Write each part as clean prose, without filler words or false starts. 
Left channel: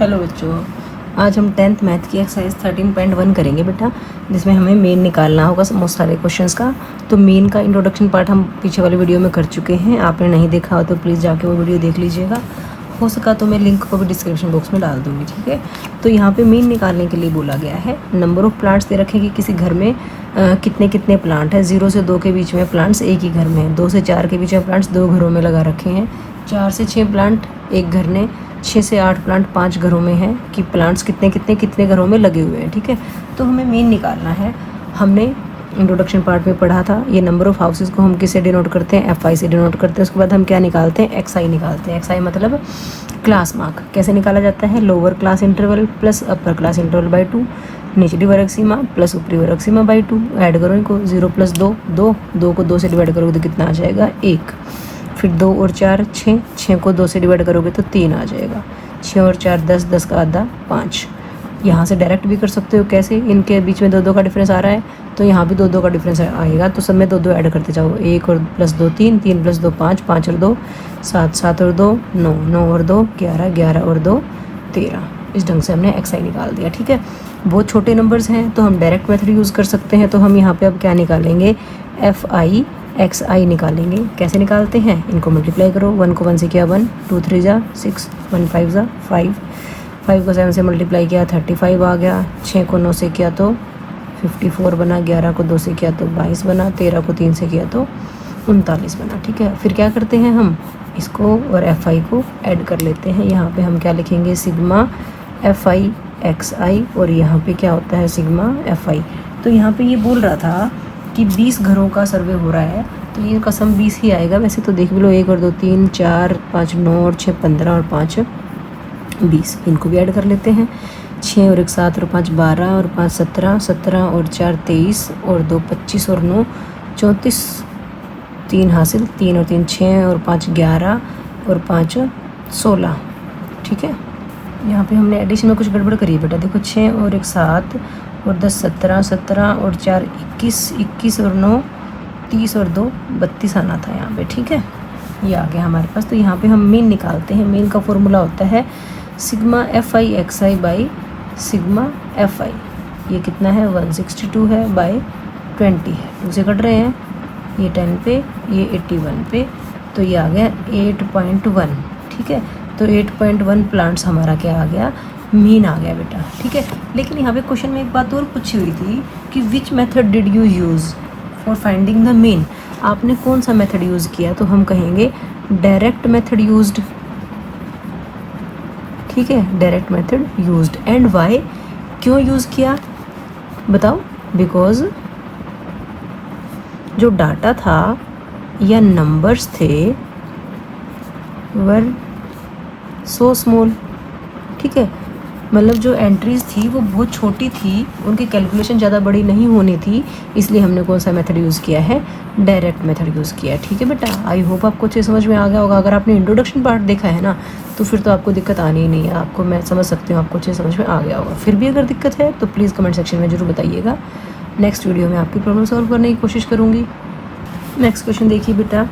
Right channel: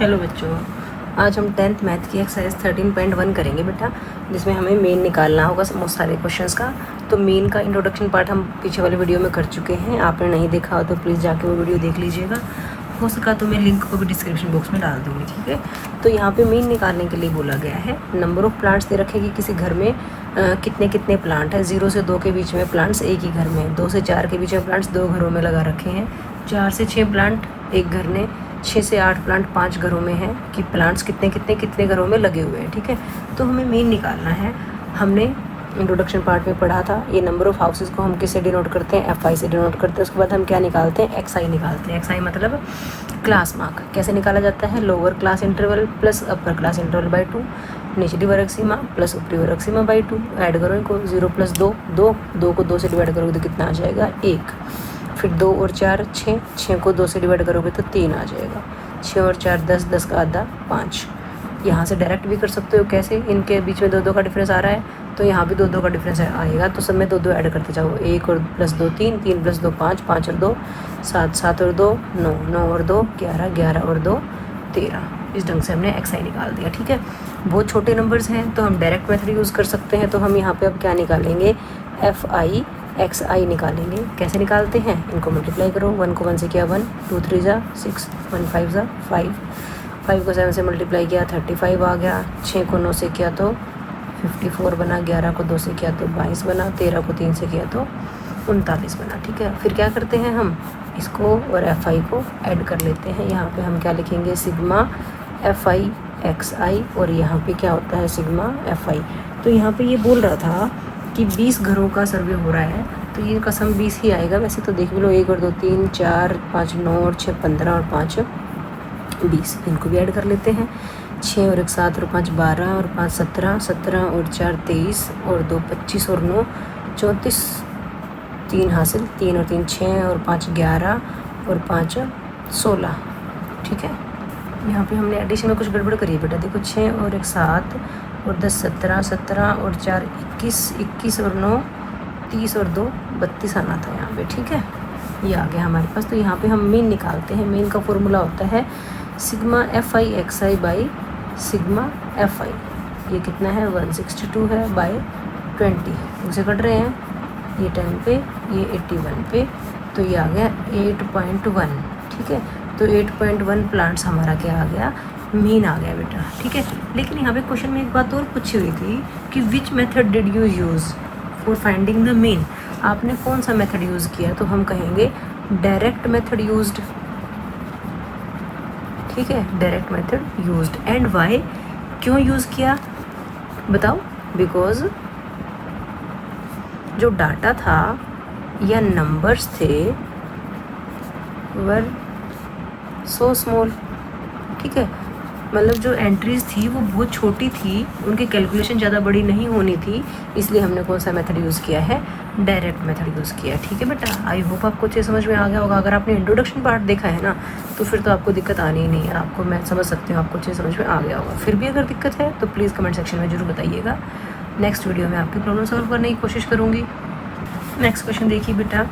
Hello बच्चों, आज हम 10th मैथ की एक्सरसाइज 13.1 करेंगे बेटा, जिसमें हमें मेन निकालना होगा बहुत सारे क्वेश्चंस का। तो मेन का इंट्रोडक्शन पार्ट हम पीछे वाली वीडियो में कर चुके हैं। आपने नहीं देखा हो तो प्लीज़ जाके वो वीडियो देख लीजिएगा। हो सका तो मैं लिंक को भी डिस्क्रिप्शन बॉक्स में डाल दूँगी, ठीक है। तो यहाँ पे मेन निकालने के लिए बोला गया है। नंबर ऑफ़ प्लांट्स दे रखे कि किसी घर में कितने कितने प्लांट हैं। 0 से 2 के बीच में प्लांट्स एक ही घर में हैं। 2 से 4 के बीच में प्लांट्स 2 घरों में लगा रखे हैं। 4 से 6 प्लांट एक घर ने, 6 से 8 प्लांट 5 घरों में हैं कि प्लांट्स कितने घरों में लगे हुए हैं, ठीक है। तो हमें मेन निकालना है। हमने इंट्रोडक्शन पार्ट में पढ़ा था ये नंबर ऑफ़ हाउसेस को हम किससे डिनोट करते हैं, FI से डिनोट करते हैं। उसके बाद हम क्या निकालते हैं, XI निकालते हैं। XI मतलब क्लास मार्क। कैसे निकाला जाता है, lower class interval plus upper class interval by 2, निचली वर्ग सीमा प्लस ऊपरी वर्ग सीमा बाई 2। ऐड करो इनको, 0 प्लस 2 2, 2 को 2 से डिवाइड करोगे तो कितना आ जाएगा, 1। फिर 2 और 4 6, 6 को 2 से डिवाइड करोगे तो 3 आ जाएगा। 6 और 4 10, 10 का आधा 5। यहाँ से डायरेक्ट भी कर सकते हो। कैसे, इनके बीच में 2 का डिफरेंस आ रहा है तो यहाँ भी 2 का डिफरेंस आएगा। तो सब में 2 ऐड करते जाओ। 1 और प्लस 2 3, 3 प्लस 2 5, 5 और 2 7, 7 और 2 9, 9 और 2 11, 11 और 2 13। इस ढंग से हमने XI निकाल दिया, ठीक है। बहुत छोटे नंबर्स हैं तो हम डायरेक्ट मेथड यूज़ कर सकते हैं। तो हम यहाँ पे अब क्या निकालेंगे, FI XI निकालेंगे। कैसे निकालते हैं, इनको मल्टीप्लाई करो। 1 को 1 से किया 1, 2 3 जा 6, 1 5 जा 5, 5 को 7 से मल्टीप्लाई किया 35 आ गया। 6 को 9 से किया तो 54 बना, 11 को 2 से किया तो 22 बना, 13 को 3 से किया तो 39 बना, ठीक है। फिर क्या करते हैं, हम इसको और FI को ऐड कर लेते हैं। यहाँ पे हम क्या लिखेंगे, सिग्मा FI XI, और यहाँ पे क्या होता है, सिग्मा FI। तो यहाँ पे ये बोल रहा था कि 20 घरों का सर्वे हो रहा है तो इनका सम 20 ही आएगा। वैसे तो देख लो, 1 और 2 3 4 5 9 और 6 15 और 5 20। इनको भी ऐड कर लेते हैं। 6 और 1 7 और 5 12 और 5 17, 17 और 4 23 और 2 25 और 9 34, 3 हासिल, 3 और 3 6 और 5 11 और 5 16, ठीक है। यहाँ पे हमने एडिशन में कुछ गड़बड़ करी है बेटा। देखो, 6 और 1 7 और 10 17, 17 और 4 21, 21 और 9 30 और 2 32 आना था यहाँ पे, ठीक है। ये आ गया हमारे पास। तो यहाँ पे हम मीन निकालते हैं। मीन का फॉर्मूला होता है sigma FI XI by sigma FI। ये कितना है, 162 है बाई 20। मुझे कट रहे हैं ये 10 पे, ये 81 पे, तो ये आ गया 8.1, ठीक है। तो 8.1 प्लांट्स हमारा क्या आ गया, मीन आ गया बेटा, ठीक है। लेकिन यहाँ पे क्वेश्चन में एक बात और पूछी हुई थी कि which method did you use for finding the mean. आपने कौन सा मेथड यूज़ किया, तो हम कहेंगे डायरेक्ट मेथड यूज्ड, ठीक है। Direct method used. And why, क्यों यूज़ किया बताओ। बिकॉज जो डाटा था या नंबर्स थे वर सो स्मॉल, ठीक है। मतलब जो एंट्रीज थी वो बहुत छोटी थी, उनकी कैलकुलेशन ज़्यादा बड़ी नहीं होनी थी, इसलिए हमने कौन सा मेथड यूज़ किया है, डायरेक्ट मेथड यूज़ किया है, ठीक है बेटा। आई होप आपको अच्छे समझ में आ गया होगा। अगर आपने इंट्रोडक्शन पार्ट देखा है ना तो फिर तो आपको दिक्कत आनी ही नहीं है। आपको मैं समझ सकती हूँ आपको अच्छे समझ में आ गया होगा। फिर भी अगर दिक्कत है तो प्लीज़ कमेंट सेक्शन में ज़रूर बताइएगा। नेक्स्ट वीडियो में आपकी प्रॉब्लम सॉल्व करने की कोशिश करूँगी। नेक्स्ट क्वेश्चन देखिए बेटा,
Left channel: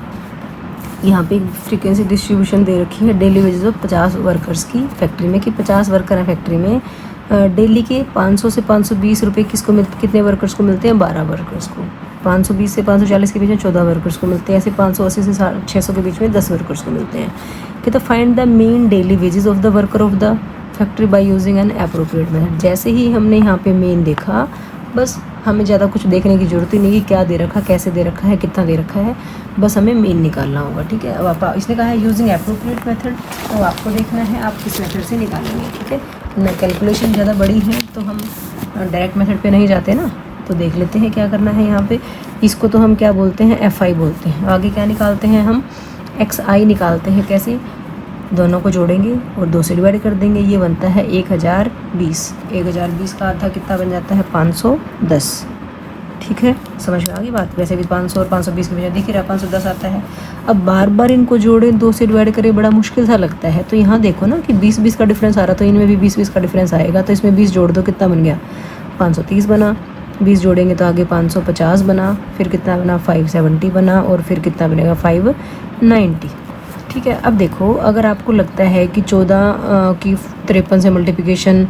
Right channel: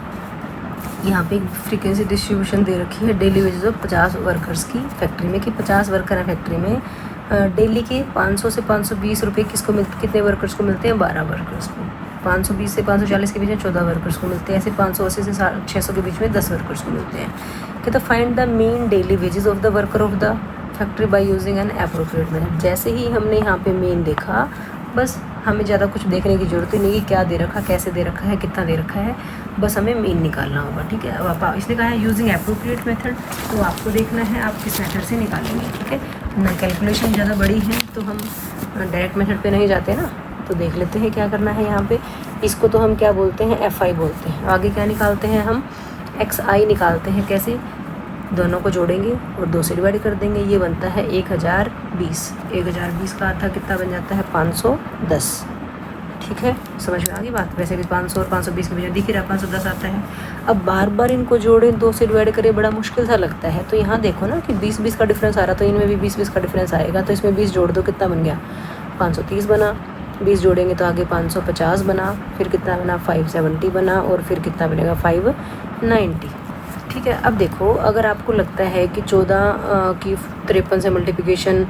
यहाँ पे फ्रीक्वेंसी डिस्ट्रीब्यूशन दे रखी है डेली वेजेस ऑफ 50 वर्कर्स की फैक्ट्री में, कि 50 वर्कर हैं फैक्ट्री में। डेली के 500 से 520 रुपये किसको कितने वर्कर्स को मिलते हैं, 12 वर्कर्स को। 520 से 540 के बीच में 14 वर्कर्स को मिलते हैं। ऐसे 580 से 600 के बीच में 10 वर्कर्स को मिलते हैं। कि तो find the mean daily wages of the worker of the factory by using N appropriate method. जैसे ही हमने यहाँ पे मेन देखा, बस हमें ज़्यादा कुछ देखने की ज़रूरत ही नहीं, क्या दे रखा, कैसे दे रखा है, कितना दे रखा है, बस हमें मेन निकालना होगा, ठीक है। अब आप, इसने कहा है यूजिंग एप्रोप्रिएट मेथड, तो आपको देखना है आप किस मेथड से निकालेंगे, ठीक है। ना कैलकुलेशन ज़्यादा बड़ी है तो हम डायरेक्ट मेथड पे नहीं जाते ना। तो देख लेते हैं क्या करना है यहाँ पे। इसको तो हम क्या बोलते हैं, FI बोलते हैं। आगे क्या निकालते हैं, हम XI निकालते हैं। कैसे, दोनों को जोड़ेंगे और 2 से डिवाइड कर देंगे। ये बनता है 1020। 1020 का आधा कितना बन जाता है, 510, ठीक है। समझ में आ गई बात। वैसे भी 500 और 520 में दिख रहा है 510 आता है। अब बार बार इनको जोड़े, 2 से डिवाइड करें, बड़ा मुश्किल सा लगता है। तो यहाँ देखो ना कि 20-20 का डिफरेंस आ रहा है, तो इनमें भी 20-20 का डिफरेंस आएगा। तो इसमें 20 जोड़ दो, कितना बन गया, 530 बना। 20 जोड़ेंगे तो आगे 550 बना, फिर कितना बना, 570 बना, और फिर कितना बनेगा, 590, ठीक है। अब देखो, अगर आपको लगता है कि 14 की 53 से मल्टीप्लिकेशन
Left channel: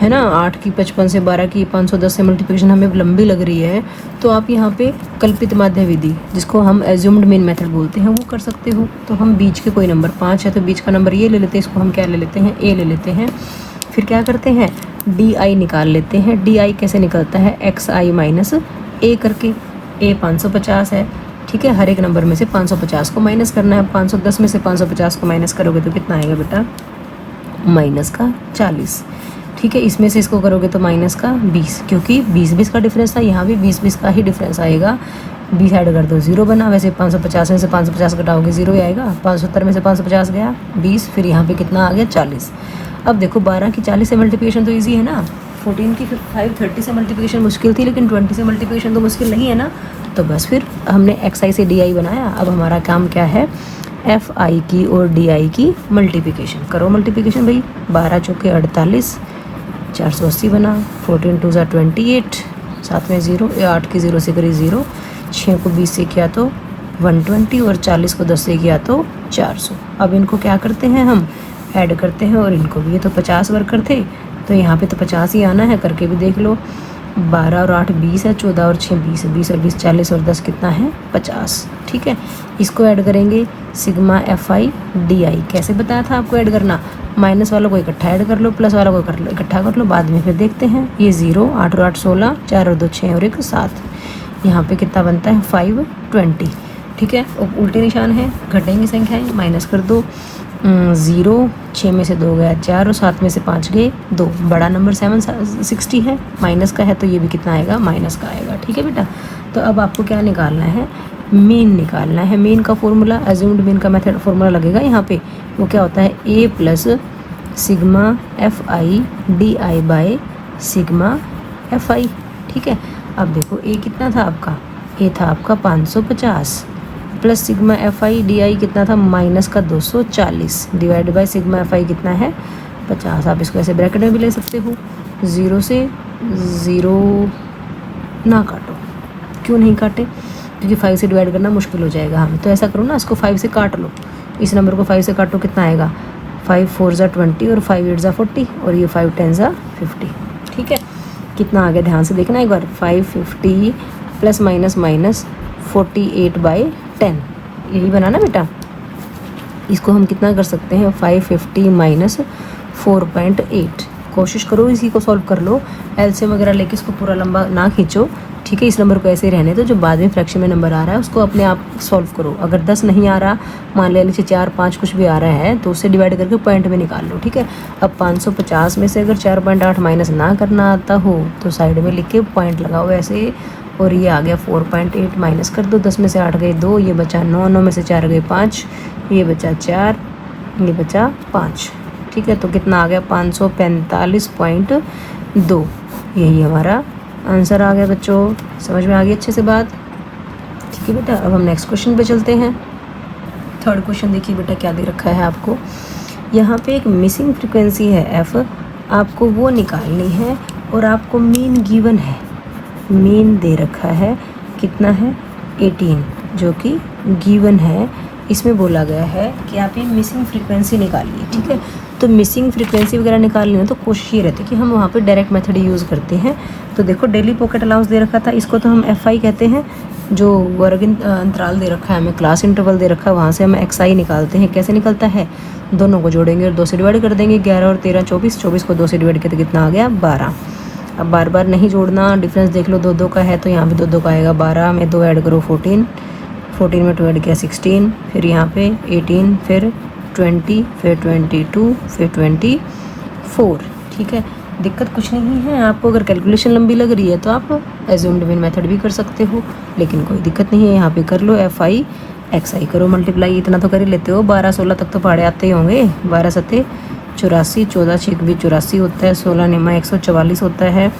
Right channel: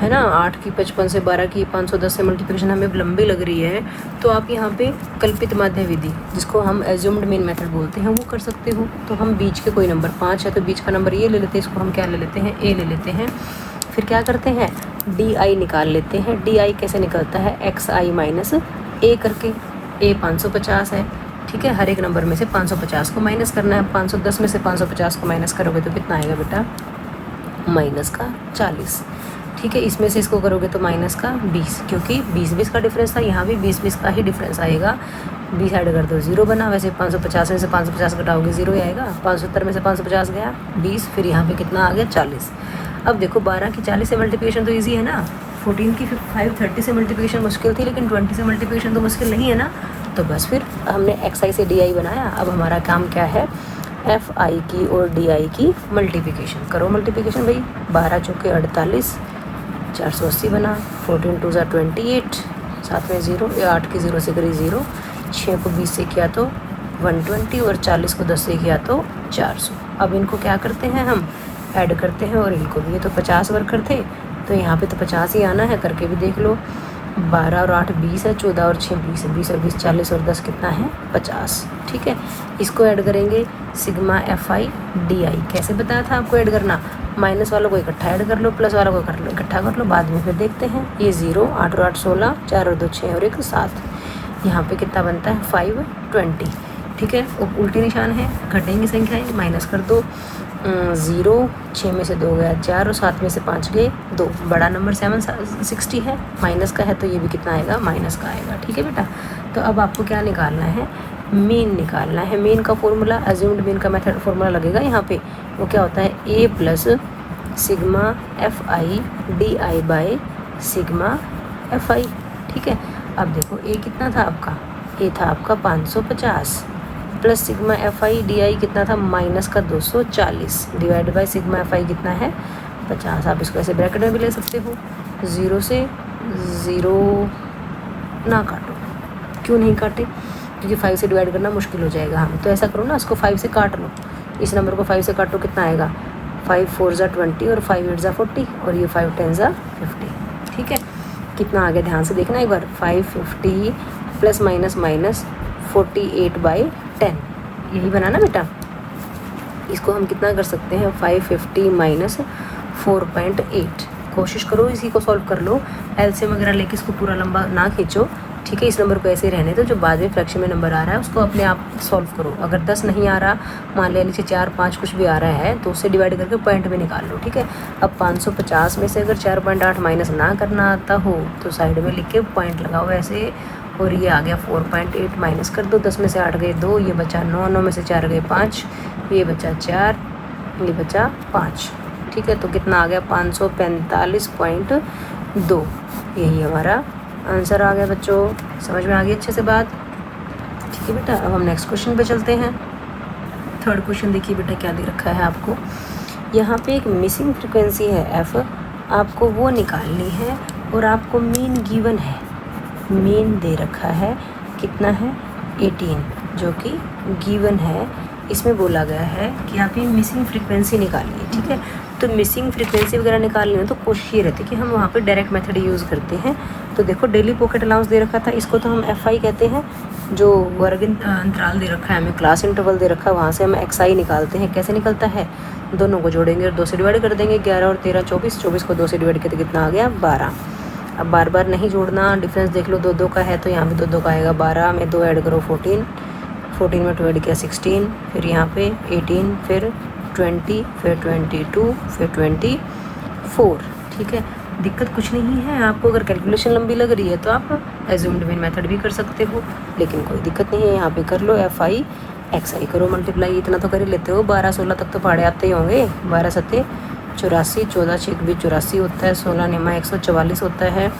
है ना, 8 की 55 से, 12 की 510 से मल्टीप्लिकेशन हमें लंबी लग रही है, तो आप यहाँ पे कल्पित माध्य विधि, जिसको हम एज्यूम्ड मीन मेथड बोलते हैं, वो कर सकते हो। तो हम बीच के कोई नंबर 5 है तो बीच का नंबर ये ले लेते हैं, इसको हम क्या ले लेते हैं, ए ले लेते हैं। फिर क्या करते हैं, डी आई निकाल लेते हैं। डी आई कैसे निकलता है, एक्स आई माइनस ए करके। ए 550 है, ठीक है। हर एक नंबर में से 550 को माइनस करना है। 510 में से 550 को माइनस करोगे तो कितना आएगा बेटा, माइनस का 40, ठीक है। इसमें से इसको करोगे तो माइनस का 20, क्योंकि 20-20 का डिफरेंस था, यहाँ भी 20-20 का ही डिफरेंस आएगा। 20 ऐड कर दो 0 बना, वैसे 550 में से 550 घटाओगे 0 ही आएगा। 570 में से 550 गया 20, फिर यहाँ पे कितना आ गया 40। अब देखो 12 की 40 से मल्टीप्लिकेशन तो ईजी है ना, 14 की 530 से मल्टीप्लिकेशन मुश्किल थी, लेकिन 20 से मल्टीप्लिकेशन तो मुश्किल नहीं है ना। तो बस फिर हमने एक्स आई से डी आई बनाया। अब हमारा काम क्या है, एफ आई की और डी आई की मल्टीप्लिकेशन करो। मल्टीप्लिकेशन भाई 12 चौके 48, 480 बना। 14 2 ज़ा 28, साथ में 0, 8 की 0 से करी 0, 6 को 20 से किया तो 120, और 40 को 10 से किया तो 400। अब इनको क्या करते हैं, हम ऐड करते हैं, और इनको भी, ये तो 50 वर्कर थे तो यहाँ पे तो 50 ही आना है, करके भी देख लो। 12 और 8 20 है, 14 और 6 20, 20 और 20 40, और 10 कितना है 50, ठीक है। इसको ऐड करेंगे, सिग्मा एफ आई डी आई। कैसे बताया था आपको ऐड करना, माइनस वालों को इकट्ठा ऐड कर लो, प्लस वालों को इकट्ठा कर लो, बाद में फिर देखते हैं। ये 0, 8 और 8 16, 4 और 2 6 और 1 7। यहाँ पे कितना बनता है 520, ठीक है। और उल्टे निशान है, घटेंगी संख्याएं, माइनस कर दो। 0, 6 में से 2 गया 4, और 7 में से 5 गए 2। बड़ा नंबर 760 है, माइनस का है तो ये भी कितना आएगा, माइनस का आएगा, ठीक है बेटा। तो अब आपको क्या निकालना है, मीन निकालना है। मीन का फॉर्मूला, अज्यूम्ड मीन का मेथड फॉर्मूला लगेगा यहाँ पे। वो क्या होता है, A plus sigma F I D I by sigma F I, ठीक है। अब देखो ए कितना था आपका, ए था आपका 550, plus sigma F I D I कितना था, माइनस का 240, डिवाइड बाय सिग्मा एफ आई कितना है 50। आप इसको ऐसे ब्रैकेट में भी ले सकते हो। 0 से 0 ना काटो, क्यों नहीं काटे, क्योंकि 5 से डिवाइड करना मुश्किल हो जाएगा। हम तो ऐसा करो ना, इसको 5 से काट लो, इस नंबर को 5 से काटो, कितना आएगा 5 4 ज़ा 20, और 5 8 ज़ा 40, और ये 5 10 ज़ा 50, ठीक है। कितना आ गया, ध्यान से देखना एक बार, 550 प्लस माइनस माइनस 48/10, यही बना ना बेटा। इसको हम कितना कर सकते हैं, 550 माइनस 4.8। कोशिश करो इसी को सॉल्व कर लो, एलसीएम वगैरह लेके इसको पूरा लंबा ना खींचो, ठीक है। इस नंबर को ऐसे ही रहने दो, जो बाद में फ्रैक्शन में नंबर आ रहा है उसको अपने आप सॉल्व करो। अगर 10 नहीं आ रहा, मान लिया नीचे 4 5 कुछ भी आ रहा है, तो उससे डिवाइड करके पॉइंट में निकाल लो, ठीक है। अब 550 में से अगर 4.8 माइनस ना करना आता हो तो साइड में लिख के पॉइंट लगाओ ऐसे, और ये आ गया 4.8, माइनस कर दो। 10 में से 8 गए 2, ये बचा 9, 9 में से 4 गए 5, ये बचा 4, ये बचा 5, ठीक है। तो कितना आ गया 545.2, यही हमारा आंसर आ गया बच्चों। समझ में आ गई अच्छे से बात, ठीक है बेटा। अब हम नेक्स्ट क्वेश्चन पे चलते हैं। थर्ड क्वेश्चन देखिए बेटा क्या दे रखा है आपको। यहाँ पे एक मिसिंग फ्रिक्वेंसी है एफ, आपको वो निकालनी है, और आपको मीन गिवन है, मीन दे रखा है कितना है 18, जो कि गिवन है। इसमें बोला गया है कि आप ये मिसिंग फ्रिक्वेंसी निकालिए, ठीक है। तो मिसिंग फ्रिक्वेंसी वगैरह निकालनी हो तो कोशिश ये रहती है कि हम वहाँ पे डायरेक्ट मेथड यूज़ करते हैं। तो देखो डेली पॉकेट अलाउंस दे रखा था, इसको तो हम एफ आई कहते हैं। जो वर्ग अंतराल दे रखा है हमें, क्लास इंटरवल दे रखा है, वहाँ से हम एक्स आई निकालते हैं। कैसे निकलता है, दोनों को जोड़ेंगे और 2 से डिवाइड कर देंगे। 11 और 13 24, 24 को 2 से डिवाइड करके कितना आ गया 12। अब बार बार नहीं जोड़ना, डिफरेंस देख लो, 2 2 का है तो यहाँ पे 2 2 का आएगा। 12 में 2 ऐड करो 14, 14 में 2 ऐड किया 16, फिर यहाँ पे 18, फिर 20, फिर 22, फिर 24, ठीक है। दिक्कत कुछ नहीं है, आपको अगर कैलकुलेशन लंबी लग रही है तो आप अज्यूम्ड मीन मेथड भी कर सकते हो, लेकिन कोई दिक्कत नहीं है। यहाँ पे कर लो एफ आई एक्स आई करो मल्टीप्लाई, इतना तो कर ही लेते हो। 12 16 तक तो पहाड़े आते ही होंगे। 12 7 84, 14 6 84 होता है, 16 निमा 144 होता है।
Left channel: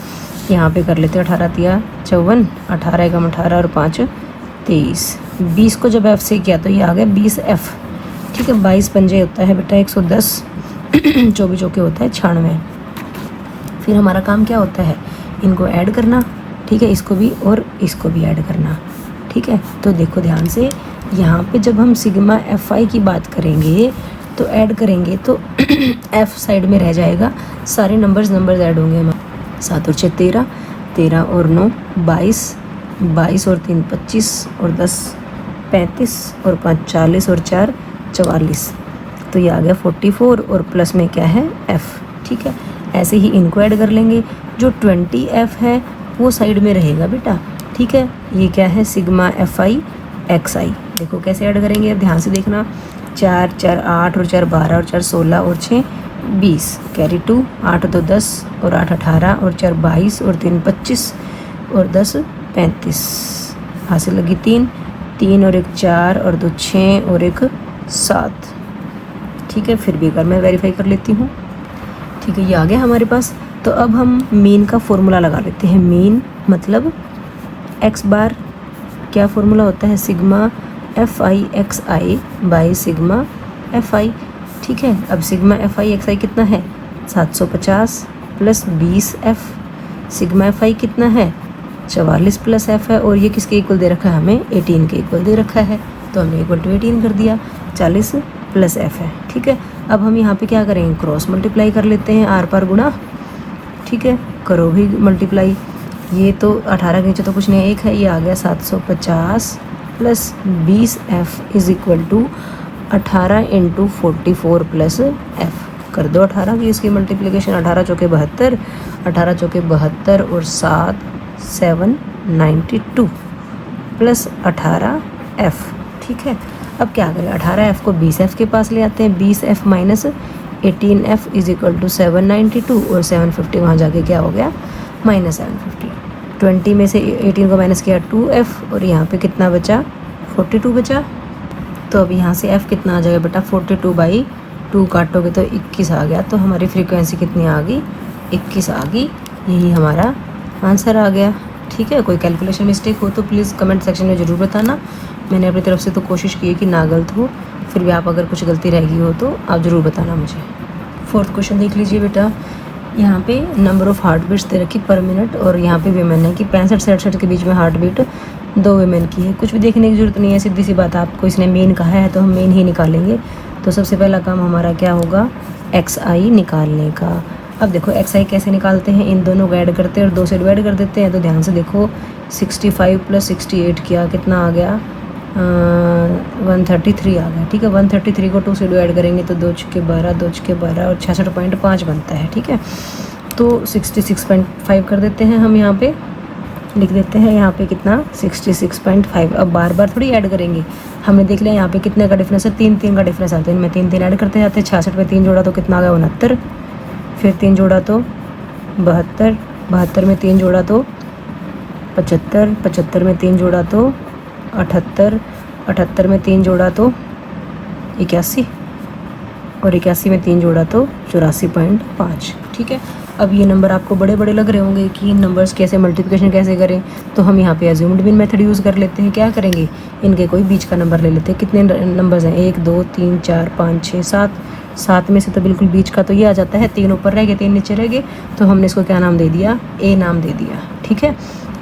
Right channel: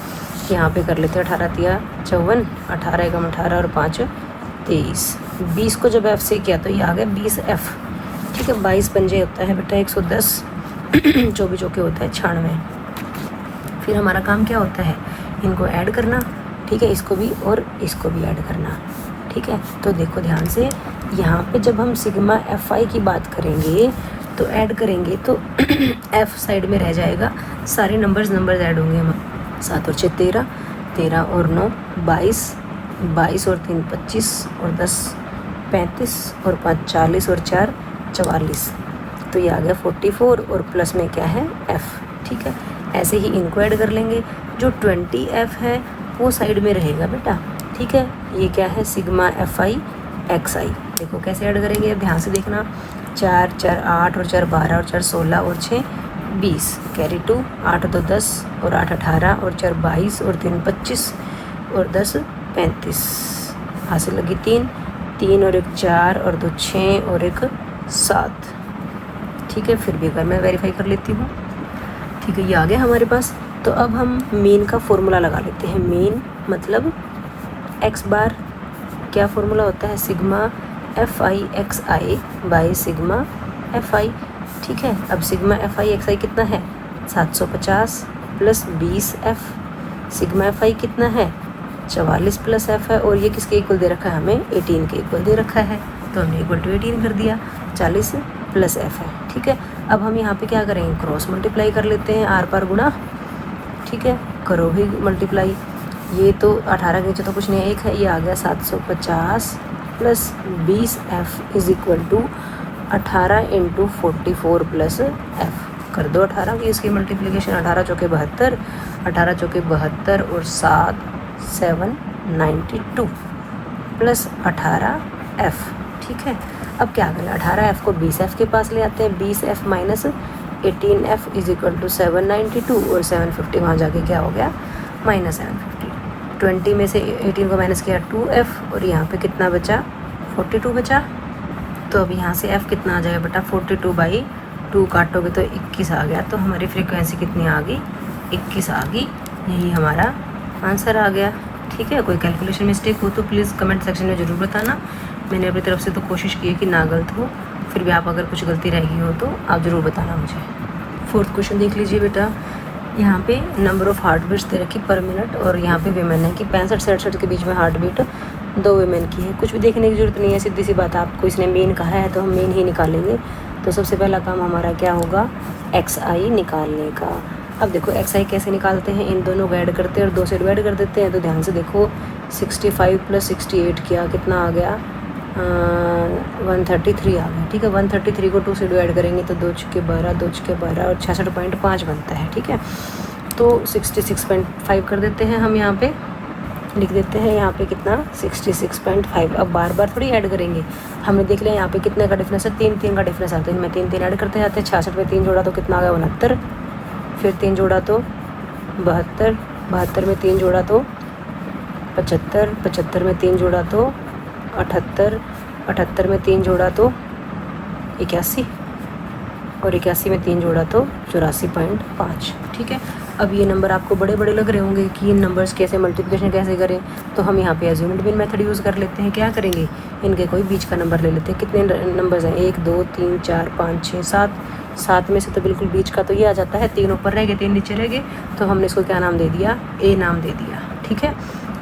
यहाँ पे कर लेते हैं 18 तिया 54, 18 एकम 18 और 5 23। 20 को जब एफ से किया तो ये आ गया 20 एफ, ठीक है। 22 पंजे होता है बेटा 110, 24 चौके होता है 96। फिर हमारा काम क्या होता है, इनको ऐड करना, ठीक है। इसको भी और इसको भी ऐड करना, ठीक है। तो देखो ध्यान से, यहाँ पे जब हम सिग्मा एफ आई की बात करेंगे तो ऐड करेंगे तो एफ साइड में रह जाएगा, सारे नंबर्स ऐड होंगे हमारे। 7 और 6 13, 13 और 9 22, 22 और 3 25 और 10 35 और 5 40 और 4 44, तो ये आ गया 44 और प्लस में क्या है एफ। ठीक है, ऐसे ही इनको ऐड कर लेंगे। जो 20f है वो साइड में रहेगा बेटा। ठीक है, ये क्या है सिग्मा एफ आई एक्स आई। देखो कैसे ऐड करेंगे, ध्यान से देखना। 4 4 8 और 4 12 और 4 16 और 6 20, कैरी 2, 8 2 10 और 8 18 और 4 22 और 3 25 और 10 35, यहाँ से लगी 3 3 और 1 4 और 2 6 और 1 7। ठीक है, फिर भी एक बार मैं वेरीफाई कर लेती हूँ। ठीक है, ये आ गया हमारे पास। तो अब हम मीन का फॉर्मूला लगा लेते हैं। मीन मतलब एक्स बार, क्या फॉर्मूला होता है sigma F I x I by sigma F I. ठीक है, अब सिग्मा एफ आई एक्स आई कितना है 750 प्लस 20 एफ। सिग्मा एफ आई कितना है 44 प्लस एफ है, और ये किसके इक्वल दे रखा है हमें 18 के इक्वल दे रखा है, तो हमने इक्वल टू 18 कर दिया। 40 प्लस एफ है। ठीक है, अब हम यहाँ पे क्या करेंगे क्रॉस मल्टीप्लाई कर लेते हैं, आर पर गुणा। ठीक है, करो भी मल्टीप्लाई। ये तो 18 के नीचे तो कुछ नहीं, एक है, ये आ गया 750 plus 20 F is equal to 18 into 44 plus F. कर दो 18 की इसकी मल्टीप्लिकेशन। 18 चौके 72, 18 चौके 72 और 7 7 92 प्लस 18 एफ। ठीक है, अब क्या करें 18 एफ को 20 एफ के पास ले आते हैं। 20 F minus 18 F is equal to 792 और 750 वहाँ जाके क्या हो गया माइनस 750। 20 में से 18 को माइनस किया 2f और यहाँ पे कितना बचा 42 बचा। तो अब यहाँ से f कितना आ जाएगा बेटा 42/2 काटोगे तो 21 आ गया। तो हमारी फ्रीक्वेंसी कितनी आ गई 21 आ गई। यही हमारा आंसर आ गया। ठीक है, कोई कैलकुलेशन मिस्टेक हो तो प्लीज़ कमेंट सेक्शन में ज़रूर बताना। मैंने अपनी तरफ से तो कोशिश की है कि ना गलत हो, फिर भी आप अगर कुछ गलती रह गई हो तो आप ज़रूर बताना मुझे। 4th क्वेश्चन देख लीजिए बेटा। यहाँ पे नंबर ऑफ़ हार्ट बीट्स दे रखी पर मिनट, और यहाँ पे वेमेन है कि 65-67 के बीच में हार्ट बीट 2 वेमेन की है। कुछ भी देखने की ज़रूरत नहीं है, सीधी सी बात है। आपको इसने मेन कहा है तो हम मेन ही निकालेंगे। तो सबसे पहला काम हमारा क्या होगा एक्स आई निकालने का। अब देखो एक्स आई कैसे निकालते हैं, इन दोनों को ऐड करते हैं और 2 से डिवाइड कर देते हैं। तो ध्यान से देखो 65 प्लस 68 किया कितना आ गया 133 आ गया। ठीक है, 133 को 2 से डिवाइड करेंगे तो 2 छक्के 12, 2 छक्के 12 और 66.5 बनता है। ठीक है, तो 66.5 कर देते हैं हम। यहाँ पे लिख देते हैं यहाँ पे कितना 66.5। अब बार बार थोड़ी ऐड करेंगे, हमें देख लें यहाँ पे कितने का डिफरेंस है 3 का डिफरेंस आता है। इनमें 3 ऐड करते जाते हैं। 66 में 3 जोड़ा तो कितना आ गया 69, फिर 3 जोड़ा तो 72, 72 में 3 जोड़ा तो 75, 75 में 3 जोड़ा तो 78, 78 में 3 जोड़ा तो 81 और 81 में 3 जोड़ा तो 84.5। ठीक है, अब ये नंबर आपको बड़े बड़े लग रहे होंगे कि इन नंबर्स कैसे मल्टीप्लिकेशन कैसे करें, तो हम यहाँ पे अज्यूम्ड बिन मेथड यूज़ कर लेते हैं। क्या करेंगे इनके कोई बीच का नंबर ले लेते हैं। कितने नंबर्स हैं 1 2 3 4 5 6 7। 7 में से तो बिल्कुल बीच का तो ये आ जाता है। 3 ऊपर रह गए 3 नीचे रह गए, तो हमने इसको क्या नाम दे दिया ए नाम दे दिया। ठीक है,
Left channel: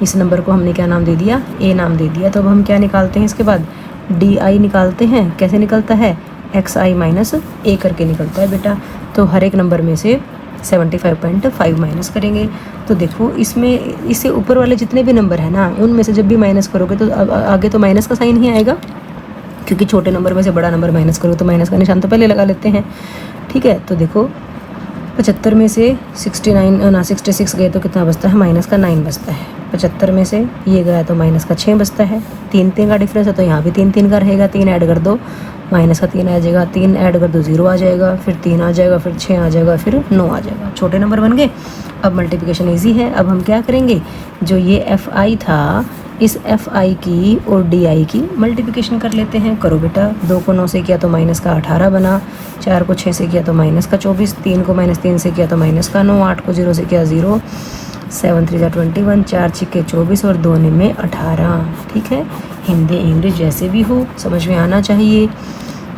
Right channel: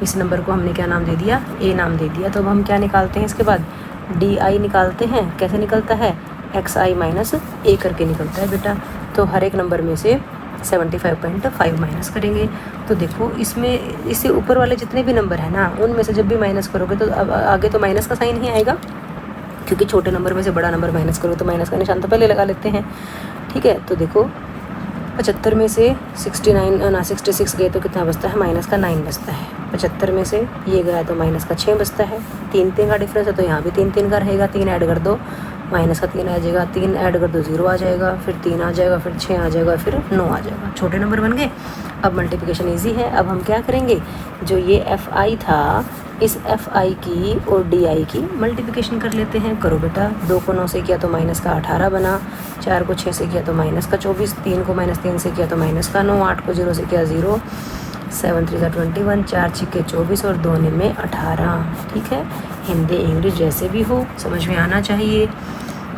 इस नंबर को हमने क्या नाम दे दिया ए नाम दे दिया। तो अब हम क्या निकालते हैं इसके बाद डी आई निकालते हैं। कैसे निकलता है एक्स आई माइनस ए करके निकलता है बेटा। तो हर एक नंबर में से 75.5 माइनस करेंगे। तो देखो इसमें इससे ऊपर वाले जितने भी नंबर हैं ना उनमें से जब भी माइनस करोगे तो अब आगे तो माइनस का साइन ही आएगा, क्योंकि छोटे नंबर में से बड़ा नंबर माइनस करो तो माइनस का निशान तो पहले लगा लेते हैं। ठीक है, तो देखो 75 में से 66 गए तो कितना बचता है माइनस का 9 बचता है। 75 में से ये गया तो माइनस का 6 बचता है। 3 का डिफरेंस है तो यहाँ भी 3 का रहेगा। 3 ऐड कर दो माइनस का 3 आ जाएगा। 3 ऐड कर दो 0 आ जाएगा, फिर 3 आ जाएगा, फिर 6 आ जाएगा, फिर 9 आ जाएगा। छोटे नंबर बन गए। अब मल्टीप्लिकेशन ईजी है। अब हम क्या करेंगे जो ये एफ आई था इस एफ आई की और डी आई की मल्टीप्लिकेशन कर लेते हैं। करो बेटा, 2 को 9 से किया तो माइनस का 18 बना, 4 को 6 से किया तो माइनस का 24, 3 को माइनस 3 से किया तो माइनस का 9, 8 को 0 से किया 0, 7 3 21, 4 6 24 और 2 में 18। ठीक है, हिंदी इंग्लिश जैसे भी हो समझ में आना चाहिए।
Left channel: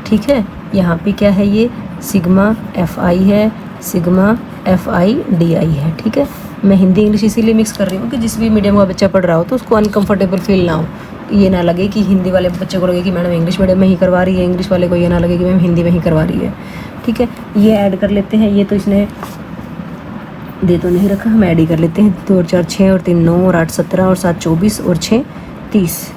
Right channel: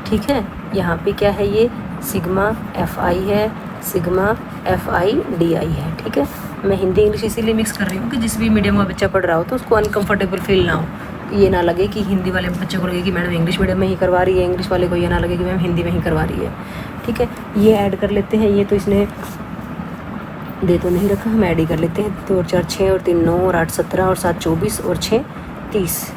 ठीक है, यहाँ पे क्या है ये सिग्मा एफ आई है, सिग्मा FI/DI है। ठीक है, मैं हिंदी इंग्लिश इसीलिए मिक्स कर रही हूँ कि जिस भी मीडियम का बच्चा पढ़ रहा हो तो उसको अनकंफर्टेबल फील ना हो, ये ना लगे कि हिंदी वाले बच्चे को लगे कि मैडम इंग्लिश मीडियम में ही करवा रही है, इंग्लिश वाले को ये ना लगे कि मैम हिंदी में ही करवा रही है। ठीक है, ये ऐड कर लेते हैं। ये तो इसने दे तो नहीं रखा, हम ऐड ही कर लेते हैं। 2 और 4 6 और 3 9 और 8 17 और 7 24 और 6 30।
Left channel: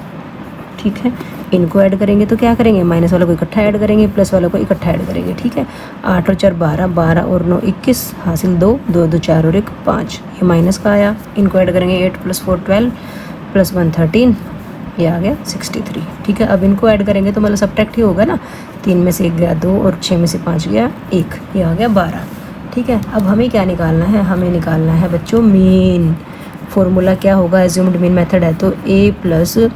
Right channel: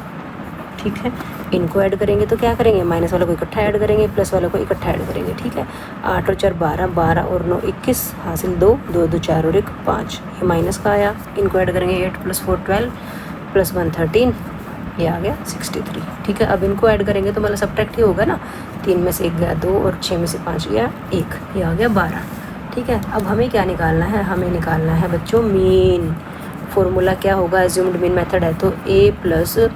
ठीक है, इनको ऐड करेंगे तो क्या करेंगे, माइनस वाला को इकट्ठा ऐड करेंगे, प्लस वाला को इकट्ठा ऐड करेंगे। ठीक है, 8 और 4 12 12 और 9 21 हासिल 2 2 2 4 और 1 5, ये माइनस का आया। इनको ऐड करेंगे 8 + 4 12 + 1 13, ये आ गया 63। ठीक है, अब इनको ऐड करेंगे तो मतलब सब्ट्रैक्ट ही होगा ना, 3 में से 1 गया 2 और 6 में से 5 गया 1, ये आ गया 12। ठीक है, अब हमें क्या निकालना है, हमें निकालना है बच्चों मीन। फॉर्मूला क्या होगा, एज्यूम्ड मीन मेथड है तो A +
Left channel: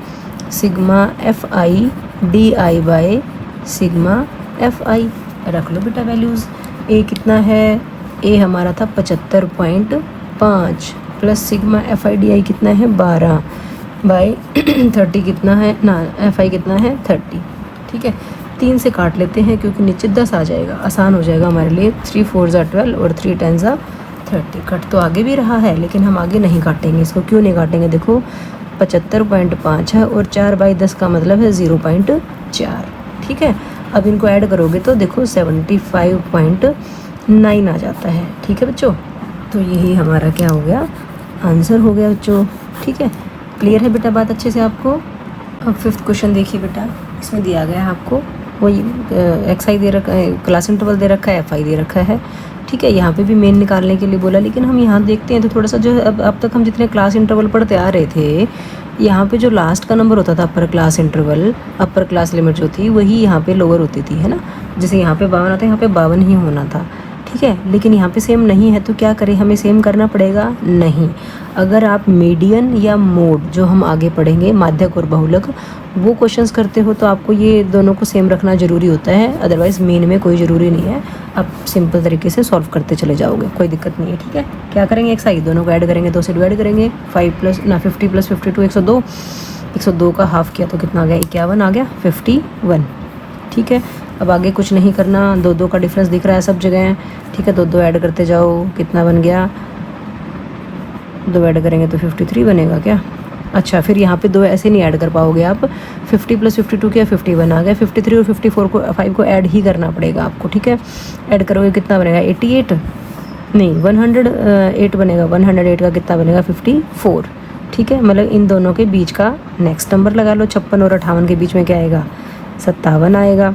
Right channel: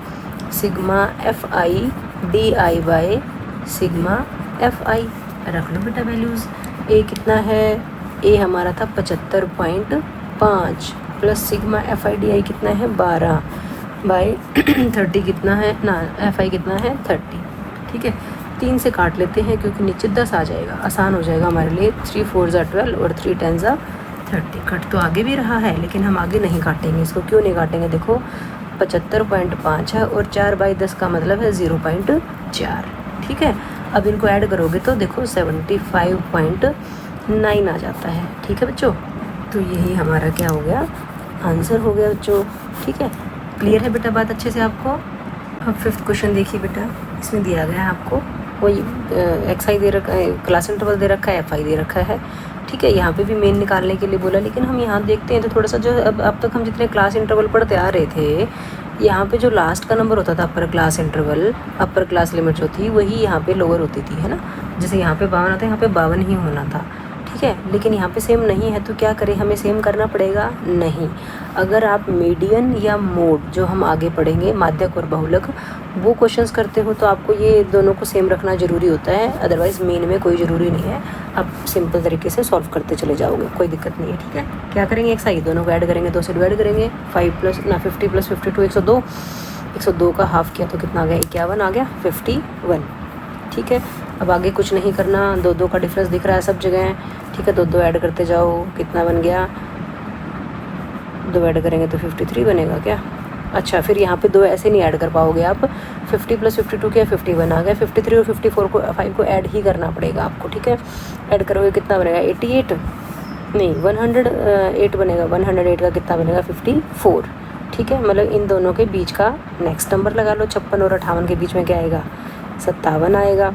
sigma FI/DI sigma FI। रख लो बेटा वैल्यूज़। A कितना है, A हमारा था 75.5 प्लस सिग्मा FI/DI कितना है 12 बाई 30 कितना है ना, FI कितना है 30। ठीक है, 3 से काट लेते हैं क्योंकि नीचे 10 आ जाएगा, आसान हो जाएगा हमारे लिए। 3 4 12 और 3 10 30। कट तो आगे भी रहा है लेकिन हम आगे नहीं काटेंगे इसको। क्यों नहीं काटेंगे, देखो 75.5 है और 4/10 का मतलब है 0.4। ठीक है, अब इनको ऐड करोगे तो देखो 75.9 आ जाता है। ठीक है बच्चों, तो यही हमारा क्या हो गया, आंसर हो गया बच्चों। ठीक है, क्लियर है बेटा बात अच्छे से आपको। अब 5th क्वेश्चन देखिए बेटा, इसमें दिया गया है आपको वही XI दे रखा है, क्लास इंटरवल दे रखा है, FI दे रखा है। ठीक है, यहाँ पे भी मेन निकालने के लिए बोला, लेकिन हम यहाँ देखते हैं तो थोड़ा सा जो अब तक हम जितने क्लास इंटरवल पढ़ते आ रहे थे, यहाँ पे जो लास्ट का नंबर होता था upper class interval, upper class limit जो थी वही यहाँ पे लोअर होती थी, है ना। जैसे यहाँ पे 52 आता है, यहाँ पे 52 ही होना था। ठीक है, लेकिन यहाँ पे सेम नहीं है तो क्या करें, हमें सेम करना पड़ेगा। नहीं, अगर आप मीडियन या मोड जो हम आगे पढ़ेंगे, माध्यक और बहुलक, वो क्वेश्चंस करते हो तो आपको ये दोनों को सेम रखना ज़रूरी होता है, अदरवाइज़ मीन में कोई ज़रूरी नहीं है। आप सिंपल तरीके से सॉल्व करते चले जाओगे, कोई दिक्कत नहीं है। ठीक है, क्या करेंगे, XI दोनों को ऐड करेंगे, 2 से डिवाइड करेंगे। 50 + 52 102, 102 का हाफ किया तो कितना आ गया, 51 आ गया, 51। ठीक है, अब आगे कुछ नहीं करना, 2 का डिफरेंस दिख रहा है सब जगह। ठीक है, 2 ऐड करते जाओ, कितना बन गया, 2 ऐड करेंगे तो 53 बनेगा क्या। अच्छा, फिर यहाँ पे 2 ऐसे नहीं ऐड कर पाओगे आप, 50 + 52 क्या 51 आ गया। 53 और 54 को 5 को ऐड ही करना पड़ेगा आपको। ठीक है, ऐड करोगे कितना बनेगा, 88 नहीं 108 बनेगा। 108 का कितना बनेगा, 54। ठीक है, मतलब इन दोनों के बीच का नेक्स्ट नंबर लगा लो। 56 और 58 के बीच में क्या आएगा, 57 आएगा।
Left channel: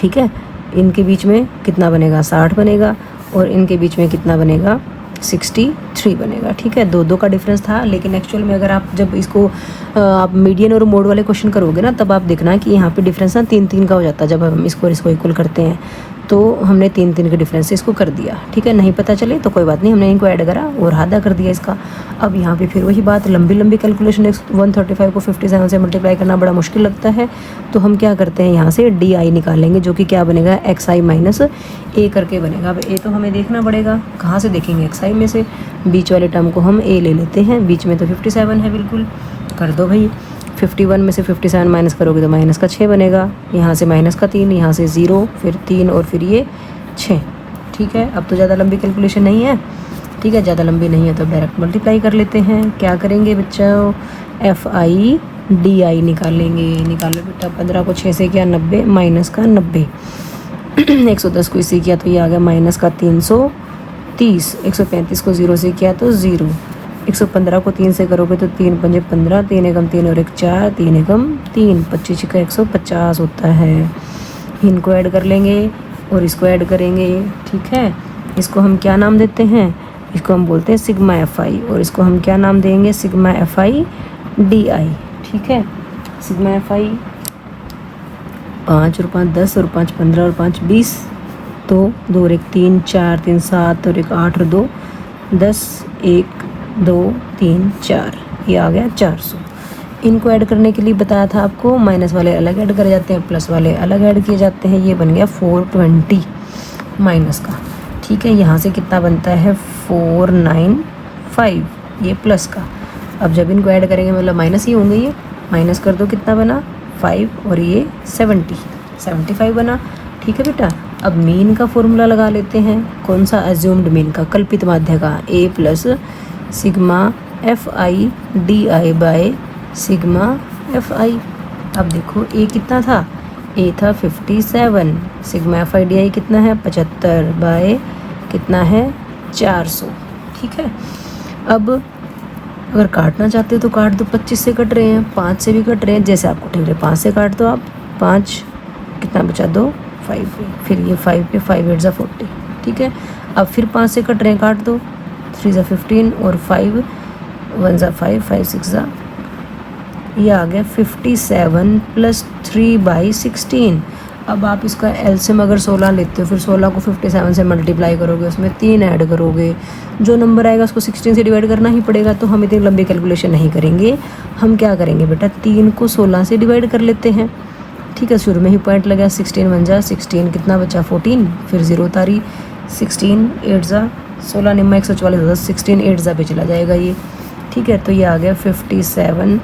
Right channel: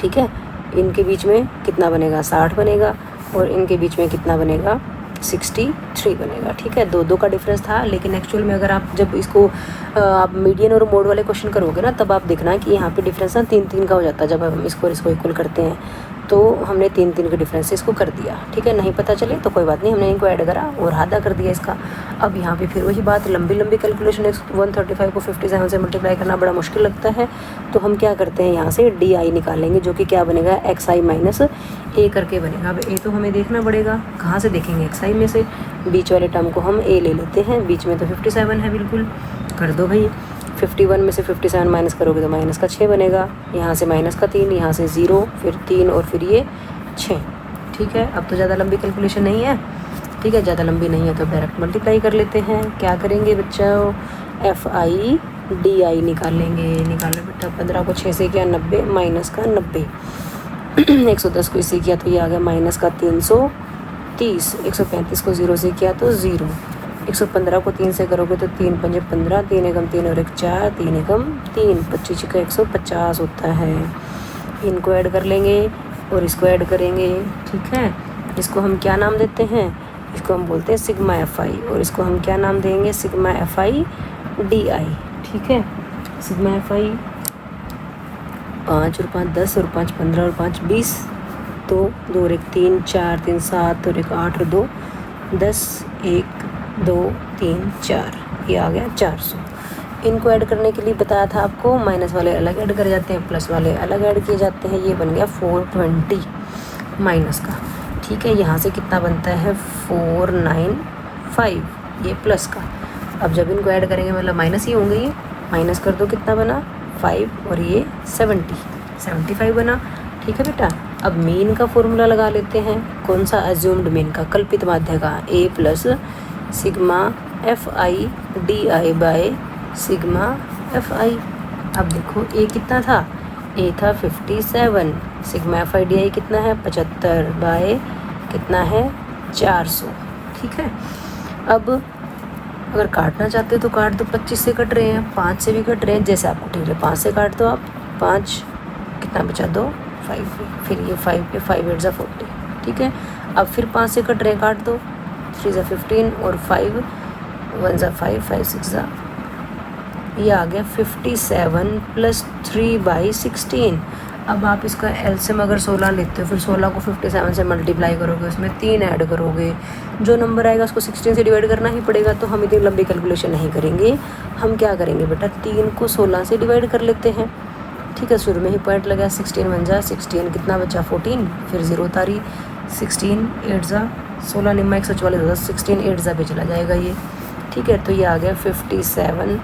ठीक है, इनके बीच में कितना बनेगा, 60 बनेगा, और इनके बीच में कितना बनेगा, 63 बनेगा। ठीक है, 2 का डिफरेंस था, लेकिन एक्चुअल में अगर आप जब इसको आप मीडियन और मोड वाले क्वेश्चन करोगे ना, तब आप देखना कि यहाँ पे डिफरेंस ना 3 का हो जाता है। जब हम इसको इक्वल करते हैं तो हमने 3 के डिफरेंस से इसको कर दिया। ठीक है, नहीं पता चले तो कोई बात नहीं, हमने इनको ऐड करा और आधा कर दिया इसका। अब यहाँ पे फिर वही बात, लंबी कैलकुलेशन 135 को 57 से मल्टीप्लाई करना बड़ा मुश्किल लगता है, तो हम क्या करते हैं, यहाँ से DI निकालेंगे, जो कि क्या बनेगा, XI - A करके बनेगा। अब A तो हमें देखना पड़ेगा, कहाँ से देखेंगे, XI में से। बीच वाले टर्म को हम A ले लेते हैं, बीच में तो 57 है, बिल्कुल कर दो भाई। 51 में से 57 माइनस करोगे तो माइनस का 6 बनेगा, यहाँ से माइनस का 3, यहाँ से 0, फिर 3 और फिर ये 6। ठीक है, अब तो ज़्यादा लंबी कैलकुलेशन नहीं है। ठीक है, ज़्यादा लंबी नहीं है तो डायरेक्ट मल्टीप्लाई कर लेते हैं। क्या करेंगे बच्चों, FI/DI निकालो बेटा। 15 को 6 से किया 90, माइनस का 90। 110 को इससे किया तो ये आ गया माइनस का 330। 135 को 0 से किया तो 0। 115 को 3 से करोगे तो 3 × 5 = 15, 3 एकम 3 और 1 4, 3 एकम 3, 25 का 150 होता है। इनको ऐड कर लेंगे और इसको ऐड करेंगे। ठीक है, इसको हम क्या नाम देते हैं, इसको हम बोलते हैं सिग्मा FI, और इसको हम क्या नाम देंगे, सिग्मा FI/DI। ठीक है, सिग्मा FI 5 और 5 10 और 5 15 और 5 20, तो 2 और 1 3, 4 3 7 और 1 8 और 2 10, 1 2 3 4, ये आ गया 400। इनको ऐड करने के लिए बताया था आपको, माइनस वाले अलग ऐड कर जाते हैं, प्लस वाले अलग ऐड किए जाते हैं। ये बन गया 420 माइनस का। ठीक है, यहाँ से कितना बनता है, 495, ये प्लस का। अब जब इनको ऐड करेंगे मतलब माइनस ही होंगे, ये माइनस कर दो, कितना बना 5 और ये 75 बना। ठीक है बेटा। अब मीन का फॉर्मूला लगा लेते हैं। कौन सा? एज्यूम्ड मीन का, कल्पित माध्य का। A plus sigma F I D I by sigma F I. अब देखो ए कितना था? ए था 57, sigma F I D I कितना है? 75 बाय कितना है? 400। ठीक है। अब अगर काटना चाहते हो तो काट दो, 25 से कट रहे हैं, 5 से भी कट रहे हैं, जैसे आपको ठीक है। 5 से काट दो आप, 5 कितना बचा? 2, 5, फिर ये 5 पे 5 8 40। ठीक है। अब फिर 5 से कट रहे हैं, काट दो, 3 15 और 5 1 5 5 6 ये आ गया 57 प्लस 3/16। अब आप इसका एलसीएम अगर 16 लेते हो, फिर 16 को 57 से मल्टीप्लाई करोगे, उसमें 3 ऐड करोगे, जो नंबर आएगा उसको 16 से डिवाइड करना ही पड़ेगा। तो हम इतनी लंबी कैलकुलेशन नहीं करेंगे। हम क्या करेंगे बेटा? 3 को 16 से डिवाइड कर लेते हैं। ठीक है। शुरू में ही पॉइंट लगा, 16 1 जा 16, कितना बचा? 14, फिर 0 उतारी, 16 8 जा 16 निम्मा 144, 16 8 जा पे चला जाएगा ये। ठीक है। तो ये आ गया 57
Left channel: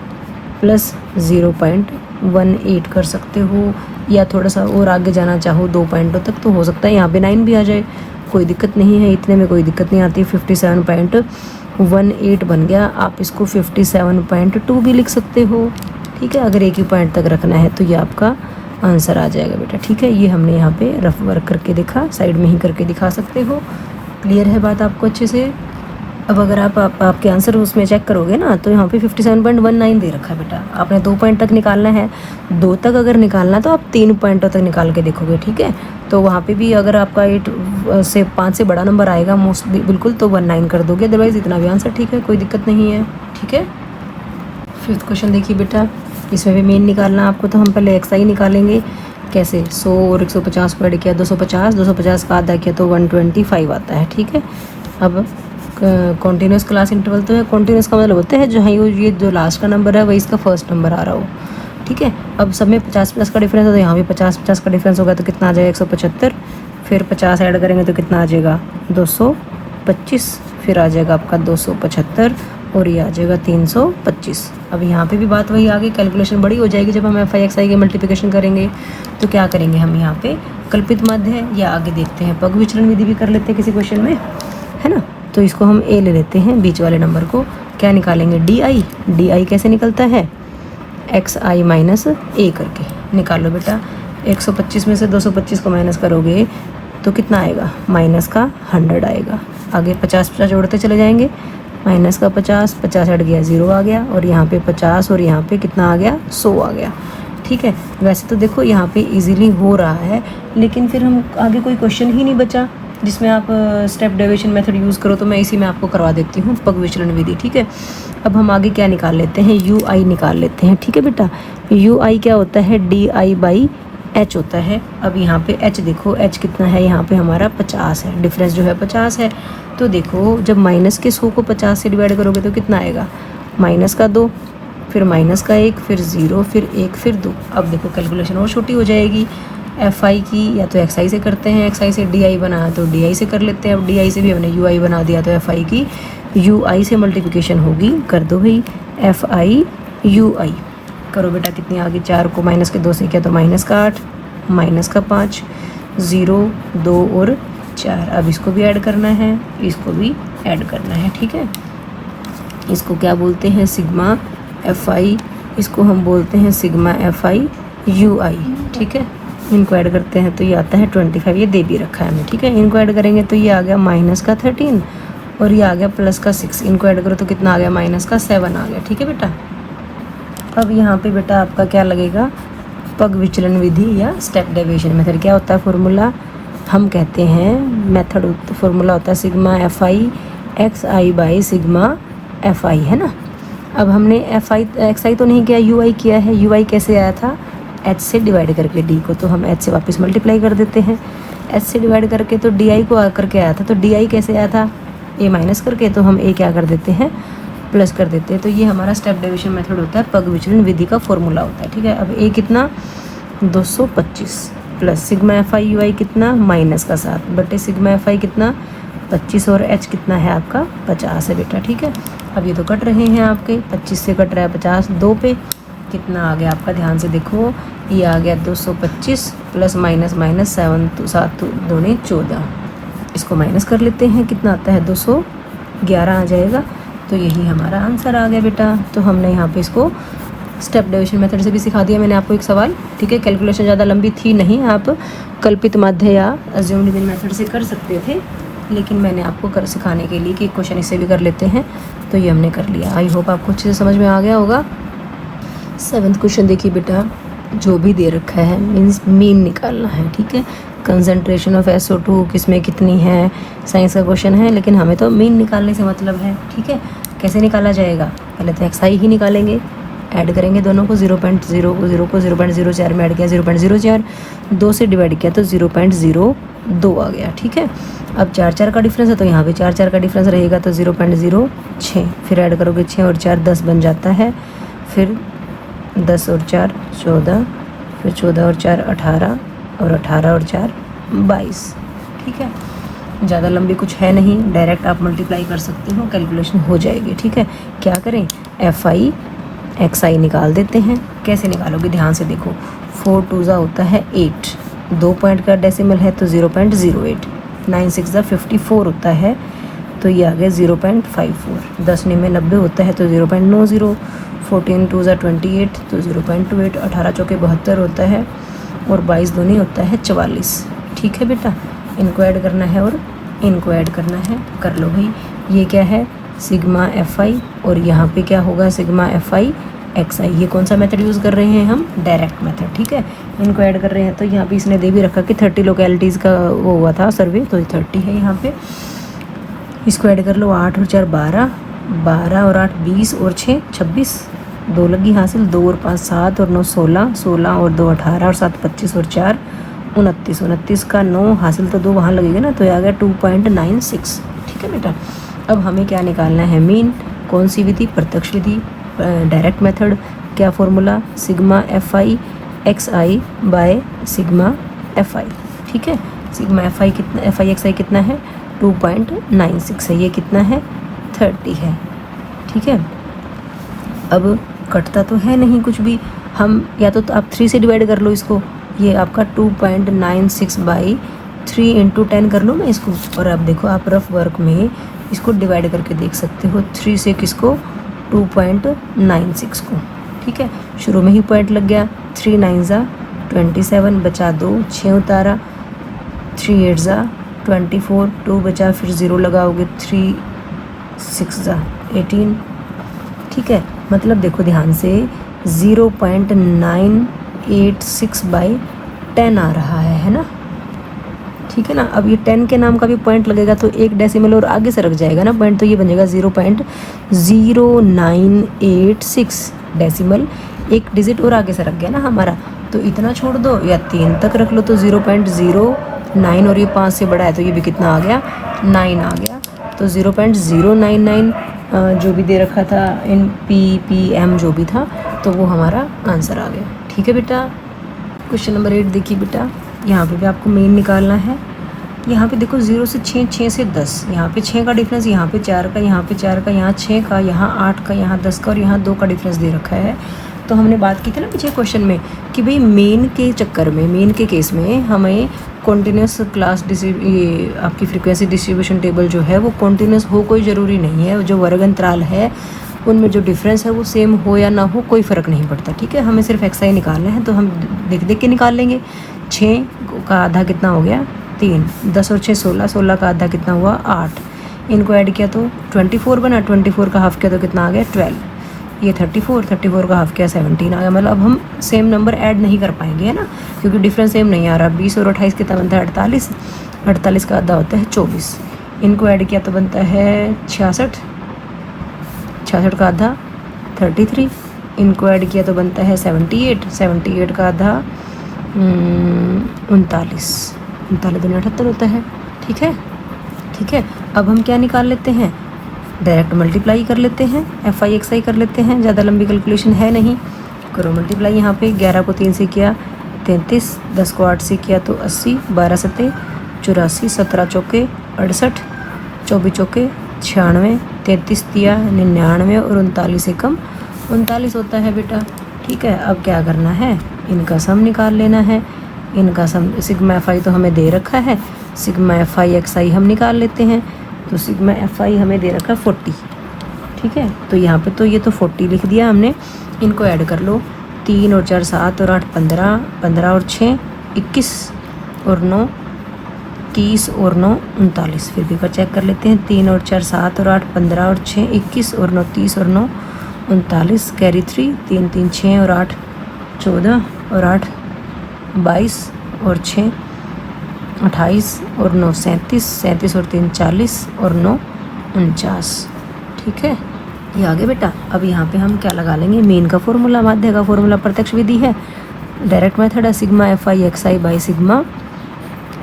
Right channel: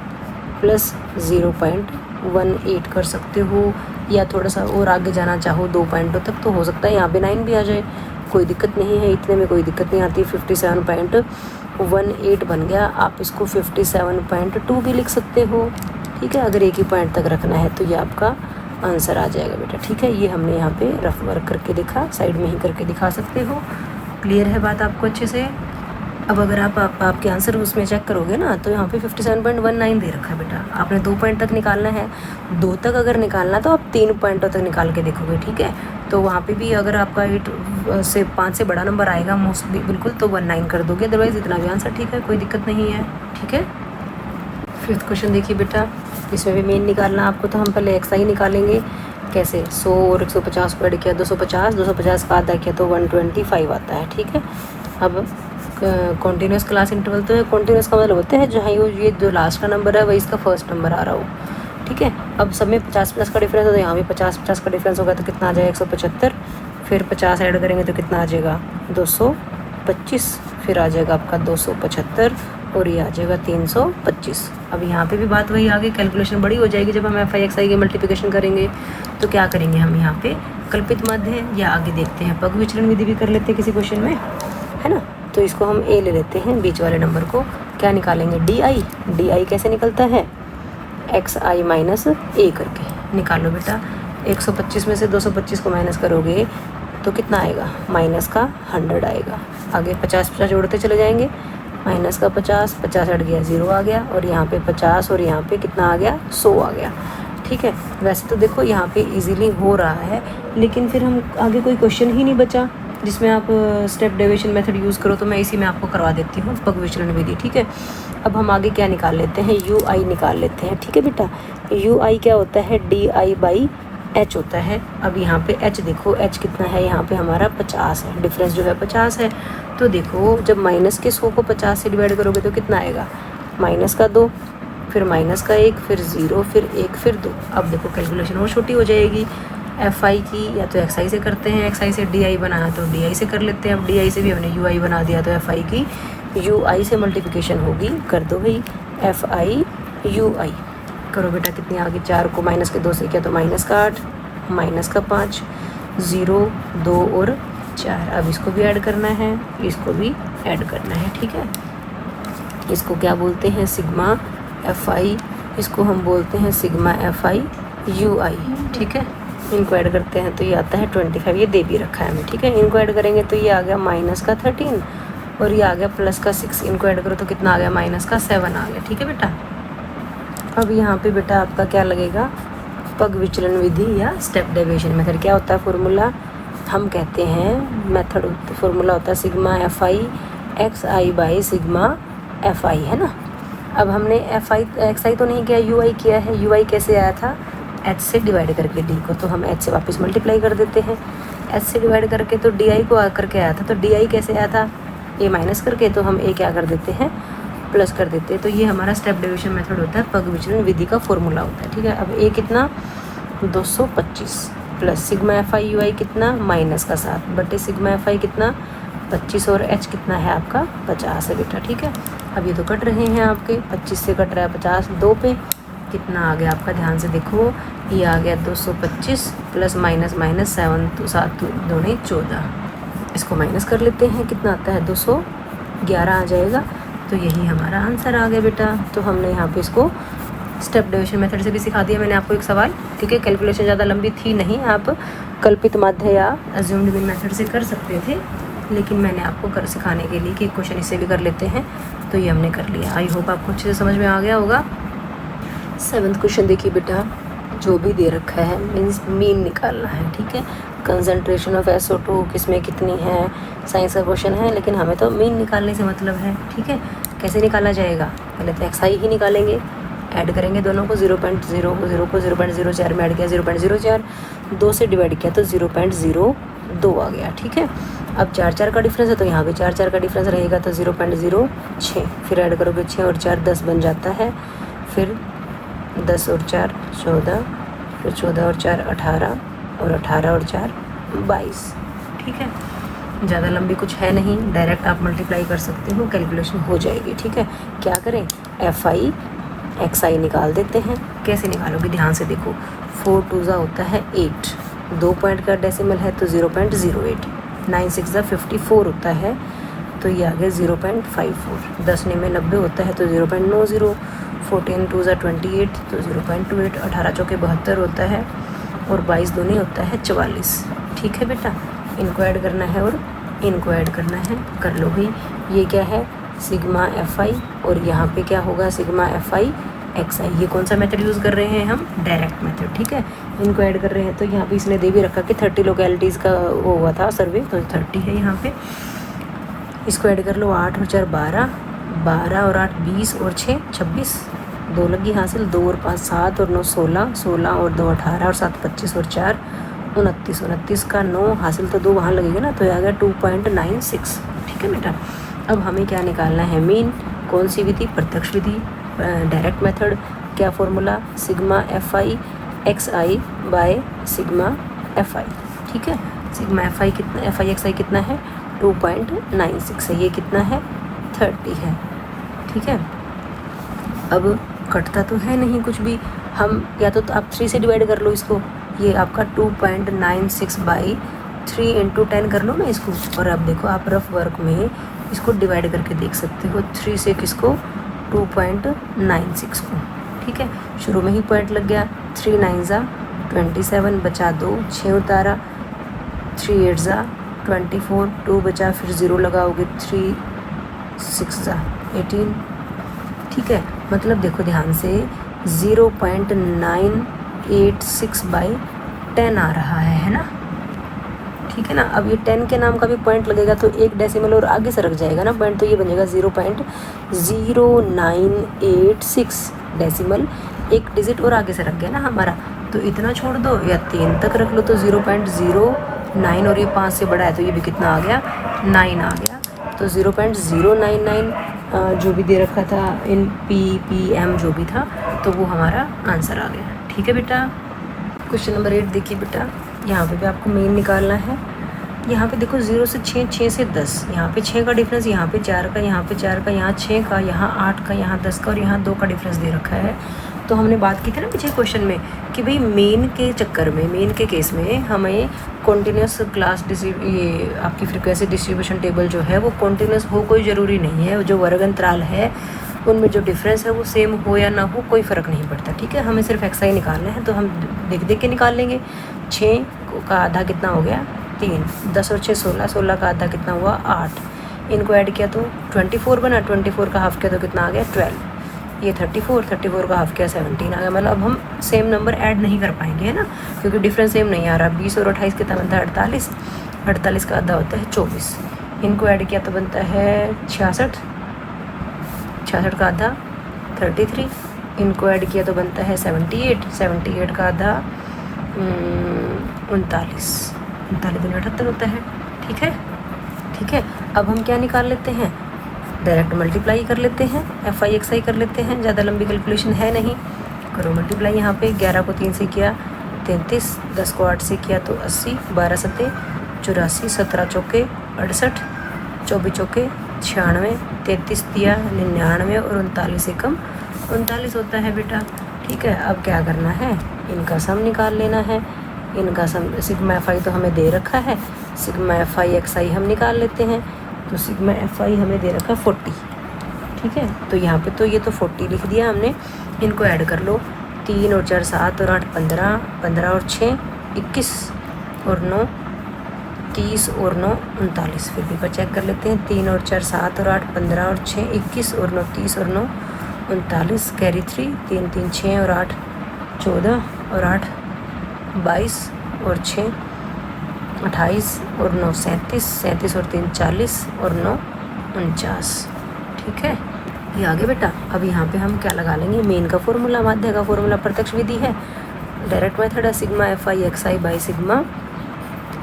प्लस 0.18 कर सकते हो, या थोड़ा सा और आगे जाना चाहो 2 पॉइंटों तक तो हो सकता है यहाँ पे 9 भी आ जाए, कोई दिक्कत नहीं है। इतने में कोई दिक्कत नहीं आती। 57.18 बन गया। आप इसको 57.2 भी लिख सकते हो। ठीक है। अगर एक ही पॉइंट तक रखना है तो ये आपका आंसर आ जाएगा बेटा। ठीक है। ये हमने यहाँ पे रफ वर्क करके देखा, साइड में ही करके दिखा सकते हो। क्लियर है बात आपको अच्छे से? अब अगर आपके आंसर उसमें चेक करोगे ना, तो यहाँ पे 57.19 दे रखा है बेटा। आपने 2 पॉइंट तक निकालना है, 2 तक अगर निकालना तो आप 3 पॉइंटों तक निकाल के देखोगे। ठीक है। तो वहाँ पे भी अगर आपका 8 से 5 से बड़ा नंबर आएगा मोस्टली बिल्कुल, तो 19 कर दोगे, अदरवाइज इतना भी आंसर ठीक है, कोई दिक्कत नहीं है। ठीक है। 5th क्वेश्चन देखिए बेटा, इसमें भी मीन निकालना आपको। तो हम पहले एक्स आई निकालेंगे। कैसे? 100 और 150 को ऐड किया 250, 250 का आधा किया तो 125 आता है। ठीक है। अब कॉन्टीन्यूस क्लास इंटरवल तो है, कॉन्टीन्यूस का मतलब होता है जो है ये जो लास्ट का नंबर है वही इसका फर्स्ट नंबर आ रहा हो। ठीक है। अब सब में 50+ का डिफरेंस होता है, यहाँ भी 50 का डिफरेंस होगा तो कितना आ जाएगा? 175, फिर 50 ऐड करेंगे तो कितना आ जाएगा? 225, फिर आ जाएगा आपका 275 और ये आ जाएगा 325। अब यहाँ पे भी बात वही आगे, कैलकुलेशन बड़ी हो जाएगी जब हम एफ आई एक्स आई की मल्टीप्लिकेशन करेंगे। तो क्या करेंगे हम यहाँ पे? कल्पित माध्य है या आगे देखते हैं, पग विचलन विधि भी कर लेते हैं किसी क्वेश्चन में, है ना। तो इसको हम ए ले लेते हैं, बीच वाले नंबर को। क्या निकालेंगे? D I. डी आई कैसे निकलता है? एक्स आई माइनस ए करके निकालो बेटा। 125 में से 225 को माइनस करोगे तो कितना आएगा? माइनस का 100 आएगा। आगे 50 जोड़ते चले जाएंगे, माइनस का 50 हट गया, 0 आ गया, और यहाँ पे 50 और यहाँ पे कितना आ गया? 100 आ गया। ठीक है। वैसे तो देखो यहाँ पे इजीली हो रहा है, लेकिन फिर हम आगे कोई क्वेश्चन ही नहीं बचा जिसमें आप स्टेप डेविएशन मेथड यूज़ करो, तो मैं इसी में आपको करवा देती हूँ, पग विचलन विधि। ठीक है। अब हम आगे क्या निकाल लेते हैं? यू आई निकाल लेते हैं। ठीक है बेटा। यू आई क्या होता है? डी आई बाई एच होता है। अब यहाँ पे एच देखो, एच कितना है? यहाँ पे हमारा 50 है, डिफरेंस जो है 50 है। तो देखो जब माइनस के 100 को 50 से डिवाइड करोगे तो कितना आएगा? माइनस का 2, फिर माइनस का 1, फिर 0, फिर 1, फिर 2। अब देखो कैलकुलेशन और छोटी हो जाएगी। एफ आई की या तो एक्स आई से करते हैं, एक्स आई से डी आई बनाया तो डी आई से कर लेते हैं। अब डी आई से भी हमने यू आई बना दिया, तो एफ आई की यू आई से मल्टीप्लिकेशन होगी। कर दो भाई, एफ आई यू आई करो बेटा। कितनी आ गई? 4 को माइनस के 2 से किया तो माइनस का 8, माइनस का 5, 0 2 और 4। अब इसको भी ऐड करना है, इसको भी ऐड करना है। ठीक है। इसको क्या बोलते हैं? सिग्मा एफ आई, इसको हम बोलते हैं सिग्मा एफ आई यू आई। ठीक है। इनको ऐड करते हैं तो ये आता है 25, ये दे भी रखा है हमें। ठीक है। इनको ऐड करेंगे तो ये आ गया माइनस का 13 और ये आ गया प्लस का 6। इनको ऐड करो तो कितना आ गया? माइनस का 7 आ गया। ठीक है बेटा। अब यहाँ पे बेटा आपका क्या लगेगा? पग विचलन विधि या स्टेप डेविएशन मेथड। क्या होता है फॉर्मूला? हम कहते हैं मेथड फॉर्मूला होता है sigma F I x I by sigma F आई, है ना। अब हमने एफ आई एक्स आई तो नहीं किया, यू आई किया है। यू आई कैसे आया था? एच से डिवाइड करके डी को, तो हम एच से वापस मल्टीप्लाई कर देते हैं। एच से डिवाइड करके तो डी आई को करके आया था, तो डी आई कैसे आया था? ए माइनस करके, तो हम ए क्या कर देते हैं? प्लस कर देते हैं। तो ये हमारा स्टेप डेविएशन मेथड होता है, पग विचलन विधि का फॉर्मूला होता है। ठीक है। अब ए कितना? 225 plus sigma F I U I कितना? माइनस का 7 बटे सिग्मा एफ आई कितना? 25 और एच कितना है आपका? 50 है बेटा। ठीक है। अब ये तो कट रहे हैं आपके, 25 से कट रहा है 50, 2 पे कितना आ गया आपका, ध्यान से देखो, ये आ गया 225 प्लस माइनस माइनस 7 7 दूनी 14, इसको माइनस कर लेते हैं, कितना आता है 211 आ जाएगा। तो यही हमारा आंसर आ गया बेटा। तो हमने यहाँ पे इसको स्टेप डिविजन मेथड से भी सिखा दिया मैंने आपको एक सवाल, ठीक है। कैलकुलेशन ज़्यादा लंबी थी नहीं, आप कल्पित माध्य या अज्यूम्ड मीन मेथड से कर सकते थे, लेकिन मैंने आपको कर सिखाने के लिए कि एक क्वेश्चन इससे भी कर लेते हैं, तो ये हमने कर लिया। आई होप आपको अच्छे से समझ में आ गया होगा। 7th क्वेश्चन देखिए बेटा, जो भी दे रखा है मीन्स मीन निकालना है, ठीक है। कंसंट्रेशन ऑफ SO2 किसमें कितनी है, साइंस का क्वेश्चन है, लेकिन हमें तो मीन निकालने से मतलब है, ठीक है। कैसे निकाला जाएगा, पहले तो XI ही निकालेंगे, ऐड करेंगे दोनों को, 0.0 को 0.04 में ऐड किया 0.04, 2 से डिवाइड किया तो 0.02 आ गया, ठीक है। अब 4 का डिफरेंस है तो यहाँ पे 4 का डिफरेंस रहेगा तो 0.06, फिर ऐड करोगे 6 और 4 10 बन जाता है, फिर 10 और 4 14, फिर 14 और 4 18, और 18 और 4 22, ठीक है। ज़्यादा लंबी कुछ है नहीं, डायरेक्ट आप मल्टीप्लाई कर सकते हो, कैलकुलेशन हो जाएगी, ठीक है। क्या करें, FI XI निकाल देते हैं। कैसे निकालोगे, ध्यान से देखो, 4 2 होता है 8, 2 पॉइंट का डेसिमल है तो 0.08, 9 6 54 होता है तो ये आ गया 0.54, 10 9 90 होता है तो 0.90, 14 2 28 तो 0.28, 18 चौके 72 होता है, और 22 दूनी होता है 44, ठीक है बेटा। इनको ऐड करना है और इनको ऐड करना है, कर लो भाई। ये क्या है, सिग्मा FI, और यहाँ पे क्या होगा, सिग्मा FI XI। ये कौन सा मेथड यूज़ कर रहे हैं हम, डायरेक्ट मेथड, ठीक है। इनको ऐड कर रहे हैं तो यहाँ पे इसने दे भी रखा कि 30 लोकेलिटीज़ का वो हुआ था सर्वे, तो 30 है यहाँ पे। इसको ऐड कर लो, 8 और 4 12, 12 और 8 20 और 6 26, 2 लगी हासिल, 2 और 5 7 और 9 16, 16 और 2 18 और 7 25 और 4 29, 29 का 9 हासिल तो 2 वहाँ लगेगा ना, तो ये आ गया 2.96, ठीक है बेटा। अब हमें क्या निकालना है, मीन। कौन सी विधि, प्रत्यक्ष विधि, डायरेक्ट मेथड। क्या formula, sigma FI XI by sigma FI, ठीक है। सिग्मा FI कितना, FI XI कितना है, 2.96 है, ये कितना है 30 है, ठीक है। अब कटता तो है नहीं कुछ भी, हम या तो आप 3 से डिवाइड कर लो इसको, ये आपका 2.96 बाई 3 इंटू 10 कर लो ना इसको, और अब देखो आप रफ वर्क में इसको डिवाइड करके देख सकते हो, 3 से किसको, 2.96 को, ठीक है। शुरू में ही पॉइंट लग गया, 3 9 27, बचा 2, 6 उतारा, 3 8 24, 2 बचा, फिर 0 लगाओगे, 3 6 18, ठीक है। मतलब देखो ध्यान से 0.986 बाई 10 आ रहा है ना, ठीक है ना। अब ये 10 के नाम का भी पॉइंट लगेगा तो एक डेसिमल और आगे से रख जाएगा ना पॉइंट, तो ये बनेगा 0.0986 डेसिमल, एक डिजिट और आगे से रख गया ना हमारा, तो इतना छोड़ दो या 3 तक रख लो तो 0.09, और ये 5 से बड़ा है तो ये भी कितना आ गया, 9 आ गया, तो 0.099 जो भी दे रखा था इन PPM जो भी था, तो वो हमारा आंसर आ गया, ठीक है बेटा। क्वेश्चन नंबर 8 देखिए बेटा, यहाँ पे भी आपको मीन निकालना है। यहाँ पे देखो 0 से 6, 6 से 10, यहाँ पे 6 का डिफरेंस, यहाँ पे 4 का, यहाँ पे 4 का, यहाँ 6 का, यहाँ 8 का, यहाँ 10 का, और यहाँ 2 का डिफरेंस दे रखा है। तो हमने बात की थी ना पिछले क्वेश्चन में कि भाई मेन के चक्कर में, मेन के केस में हमें कॉन्टीन्यूस क्लास आपकी फ्रीक्वेंसी डिस्ट्रीब्यूशन टेबल जो है वो कॉन्टीन्यूस हो, कोई ज़रूरी नहीं है, जो वर्ग अंतराल है उनमें जो डिफरेंस है वो सेम हो या ना हो कोई फ़र्क नहीं पड़ता, ठीक है। हमें सिर्फ XI निकालना है, तो हम देख देख के निकाल लेंगे। 6 का आधा कितना हो गया, 3, 10 और 6 16, 16 का आधा कितना हुआ, 8, इनको ऐड किया तो 24 बना, 24 का हाफ किया तो कितना आ गया, 12, ये 34 का हाफ किया 17 आ गया। मतलब अब हम सेम नंबर ऐड नहीं कर पाएंगे, है ना, क्योंकि डिफरेंस सेम नहीं आ रहा। 20 और 28 कितना बनता है, 48, 48 का आधा होता है 24, इनको ऐड किया तो बनता है 66, 66 का आधा 33, इनको ऐड किया तो बनता है 78, 78 का आधा 39, 39 दूनी 78 होता है, ठीक है, ठीक है। अब हम क्या निकाल लेते हैं, डायरेक्ट मल्टीप्लाई कर लेते हैं, FI XI कर लेते हैं, ज़्यादा लंबी कैलकुलेशन है नहीं, करो मल्टीप्लाई। यहाँ पे 11 को 3 से किया 33, 10 को 8 से किया तो 80, 12 सते 84, 17 चौके 68, 24 चौके 96, 33 दिया 99, और 39 से कम 39 होता है बेटा, ठीक है, अब क्या करना है, इनका सम निकाल लेना है। इनका सम सिग्मा एफ आई तो हमें दे रखा है, सिग्मा एफ आई एक्स आई हम निकाल लेते हैं। तो सिग्मा एफ आई हमें दे रखा 40, ठीक है। तो यहाँ पे तो ये तो 40 लिख दिया हमने। इनको ऐड कर लो, 3 और 4 7 और 8 15, 15 और 6 21 और 9 30 और 9 39। फिर भी चेक कर लेते हैं, 3 और 4 7 और 8 15 और 6 21 और 9 30 और 9 39। कैरी 3, 3 3 6 और 8 14 और 8 22 और 6 28 और 9 37, 37 और 3 40 और 9 49। ठीक है, ये आ गया बेटा। अब यहाँ पे हम क्या लगा लेंगे, मीन का फॉर्मूला, माध्य का फॉर्मूला, प्रत्यक्ष विधि है, डायरेक्ट मेथड है, sigma F I x I by sigma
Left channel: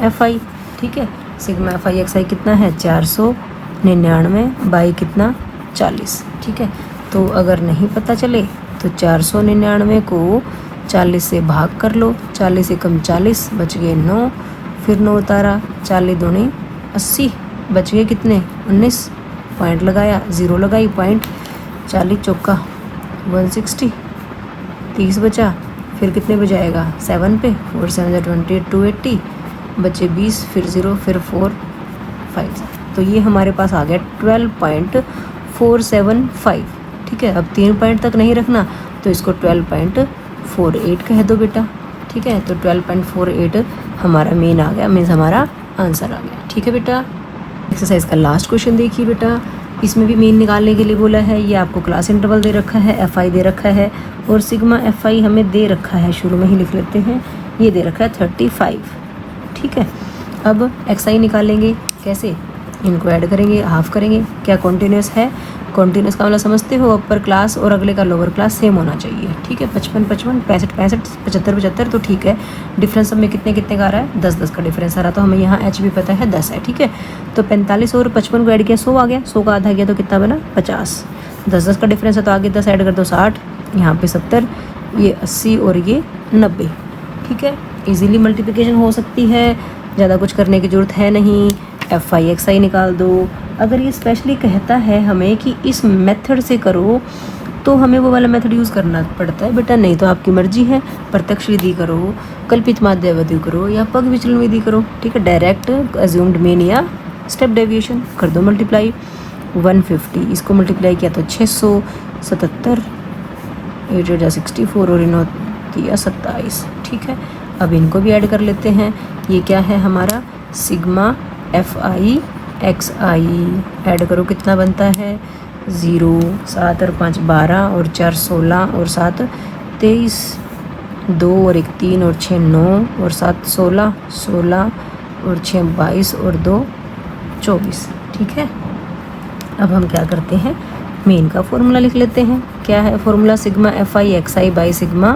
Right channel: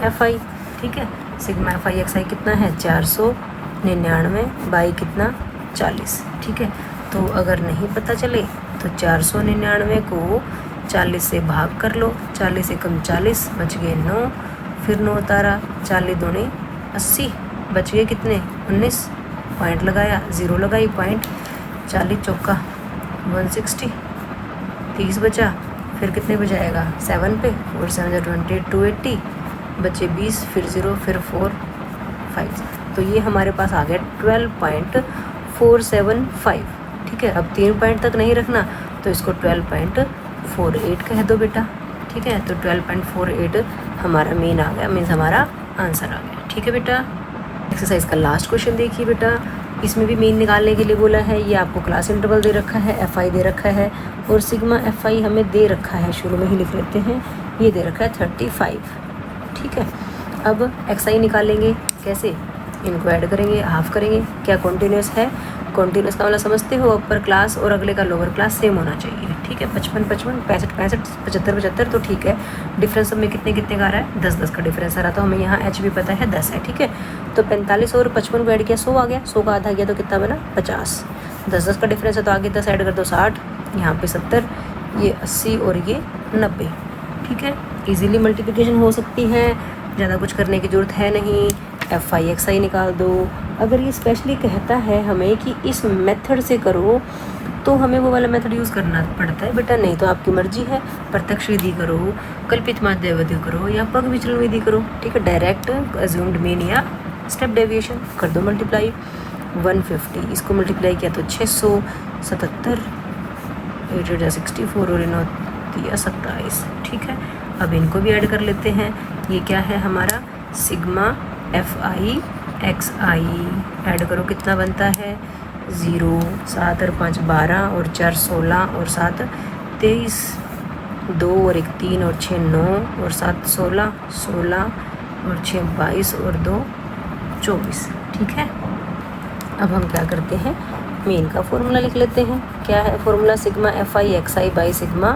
F I. ठीक है, सिग्मा एफ आई एक्स आई कितना है 499 बाई कितना 40। ठीक है, तो अगर नहीं पता चले तो 499 को 40 से भाग कर लो, 40 से कम 40 बच गए 9, फिर 9 उतारा, 40 दूनी 80 बच गए कितने 19, पॉइंट लगाया, 0 लगाई, पॉइंट 40 चौका 160, 30 बचा, फिर कितने को जाएगा 7 पे, और 728 280 बचे 20, फिर 0, फिर 4 5। तो ये हमारे पास आ गया 12.475। ठीक है, अब 3 पॉइंट तक नहीं रखना तो इसको 12.48 कह दो बेटा। ठीक है, तो 12.48 हमारा मेन आ गया, मीन्स हमारा आंसर आ गया। ठीक है बेटा, एक्सरसाइज का लास्ट क्वेश्चन देखिए बेटा। इसमें भी मीन निकालने के लिए बोला है, ये आपको क्लास इंटरवल दे रखा है, एफ आई दे रखा है, और सिग्मा एफ आई हमें दे रखा है, शुरू में ही लिख लेते हैं, ये दे रखा है 35। ठीक है, अब एक्स आई निकालेंगे कैसे, इनको ऐड करेंगे, हाफ करेंगे, क्या कॉन्टीन्यूस है, कॉन्टीन्यूस का मतलब समझते हो, अपर क्लास और अगले का लोअर क्लास सेम होना चाहिए। ठीक है, 55 55 65 65 75 75, तो ठीक है, डिफरेंस सब में कितने कितने का आ रहा है 10 10 का डिफरेंस आ रहा है, तो हमें यहाँ एच भी पता है 10 है। ठीक है, तो 45 और 55 को ऐड किया 100 आ गया, 100 का आधा किया तो कितना बना 50, 10 10 का डिफरेंस है तो आगे 10 ऐड कर दो 60, यहाँ पे 70, ये 80 और ये 90। ठीक है, इजीली मल्टीप्लिकेशन हो सकती है, ज़्यादा कुछ करने की ज़रूरत है नहीं, एफ आई एक्स आई निकाल दो। अगर ये स्पेशली कहता है हमें कि इस मेथड से करो तो हमें वो वाला मेथड यूज़ करना पड़ता है बेटा, नहीं तो आपकी मर्जी है, प्रत्यक्ष विधि करो, कल्पित माध्य विधि करो, या पग विचलन विधि करो। ठीक है, डायरेक्ट अज्यूम्ड मीन या स्टेप डेविएशन कर दो मल्टीप्लाई। 150 इसको मल्टीप्लाई किया तो 677, 8 64 और 9 27। ठीक है, अब इनको भी ऐड कर लेते हैं, ये क्या है हमारा सिग्मा एफ आई एक्स आई, ऐड करो कितना बनता है 0, 7 और 5 12 और 4 16 और 7 23, 2 और 1 3 और 6 9 और 7 16 16 और 6 22 और 2 24। ठीक है, अब हम क्या करते हैं, मेन का फॉर्मूला लिख लेते हैं। क्या है formula, sigma F I x I by sigma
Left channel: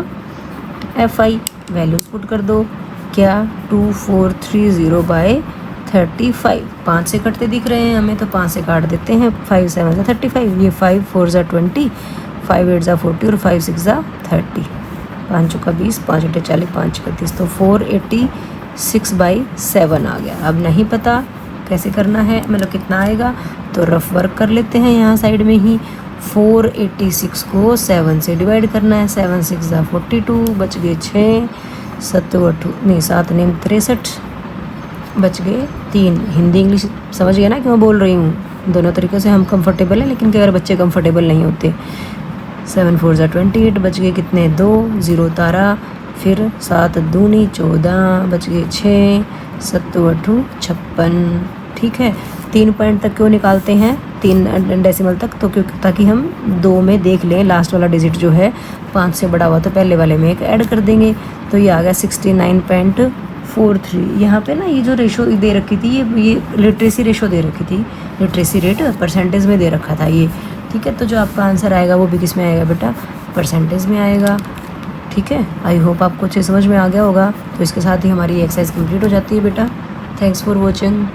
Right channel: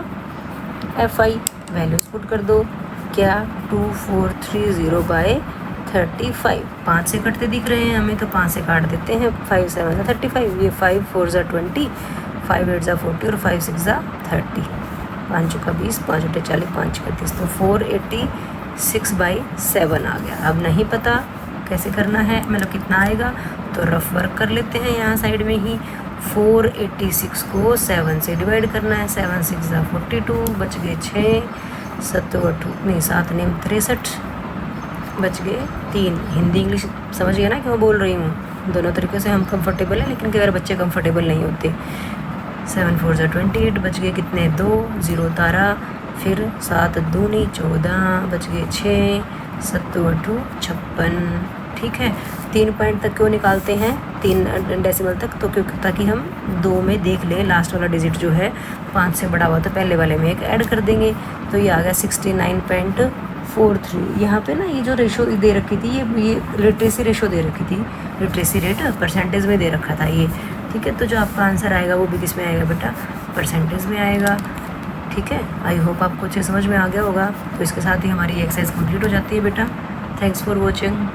F I, values put कर दो, क्या 2430 बाई 35, 5 से कटते दिख रहे हैं हमें तो 5 से काट देते हैं, 5 7 35, ये 5 4 20, 5 8 40 और 5 6 30, 5 चौका 20, 5 8 40, 5 6 30, तो 486/7 आ गया। अब नहीं पता कैसे करना है, मतलब कितना आएगा, तो रफ वर्क कर लेते हैं यहाँ साइड में ही। 486 को 7 से डिवाइड करना है, 7 6 42, बच गए 6, 7 नहीं 7 नहीं 63, बच गए 3। हिंदी इंग्लिश समझ गया ना कि मैं बोल रही हूँ, दोनों तरीक़ों से हम कंफर्टेबल हैं, लेकिन कई बार बच्चे कंफर्टेबल नहीं होते। 7 4 28, बच गए कितने 2, 0 उतारा, फिर 7 दूनी 14, बच गए 6, 7 8 56। ठीक है, 3 पॉइंट तक क्यों निकालते हैं, 3 डेसिमल तक, तो क्योंकि ताकि हम 2 में देख लें लास्ट वाला डिजिट जो है 5 से बड़ा हुआ तो पहले वाले में एक ऐड कर देंगे, तो ये आ गया 69.43। यहाँ पे ना ये जो रेशो दे रखी थी, ये लिटरेसी रेशो दे रखी थी, लिटरेसी रेट परसेंटेज में दे रखा था ये। ठीक है, तो जो आपका आंसर आएगा वो भी किस में आएगा बेटा, परसेंटेज में आएगा। ठीक है, आई होप आपको अच्छे समझ में आ गया होगा। तो इसके साथ ही हमारी एक्सरसाइज कंप्लीट हो जाती है बेटा। Thanks for watching.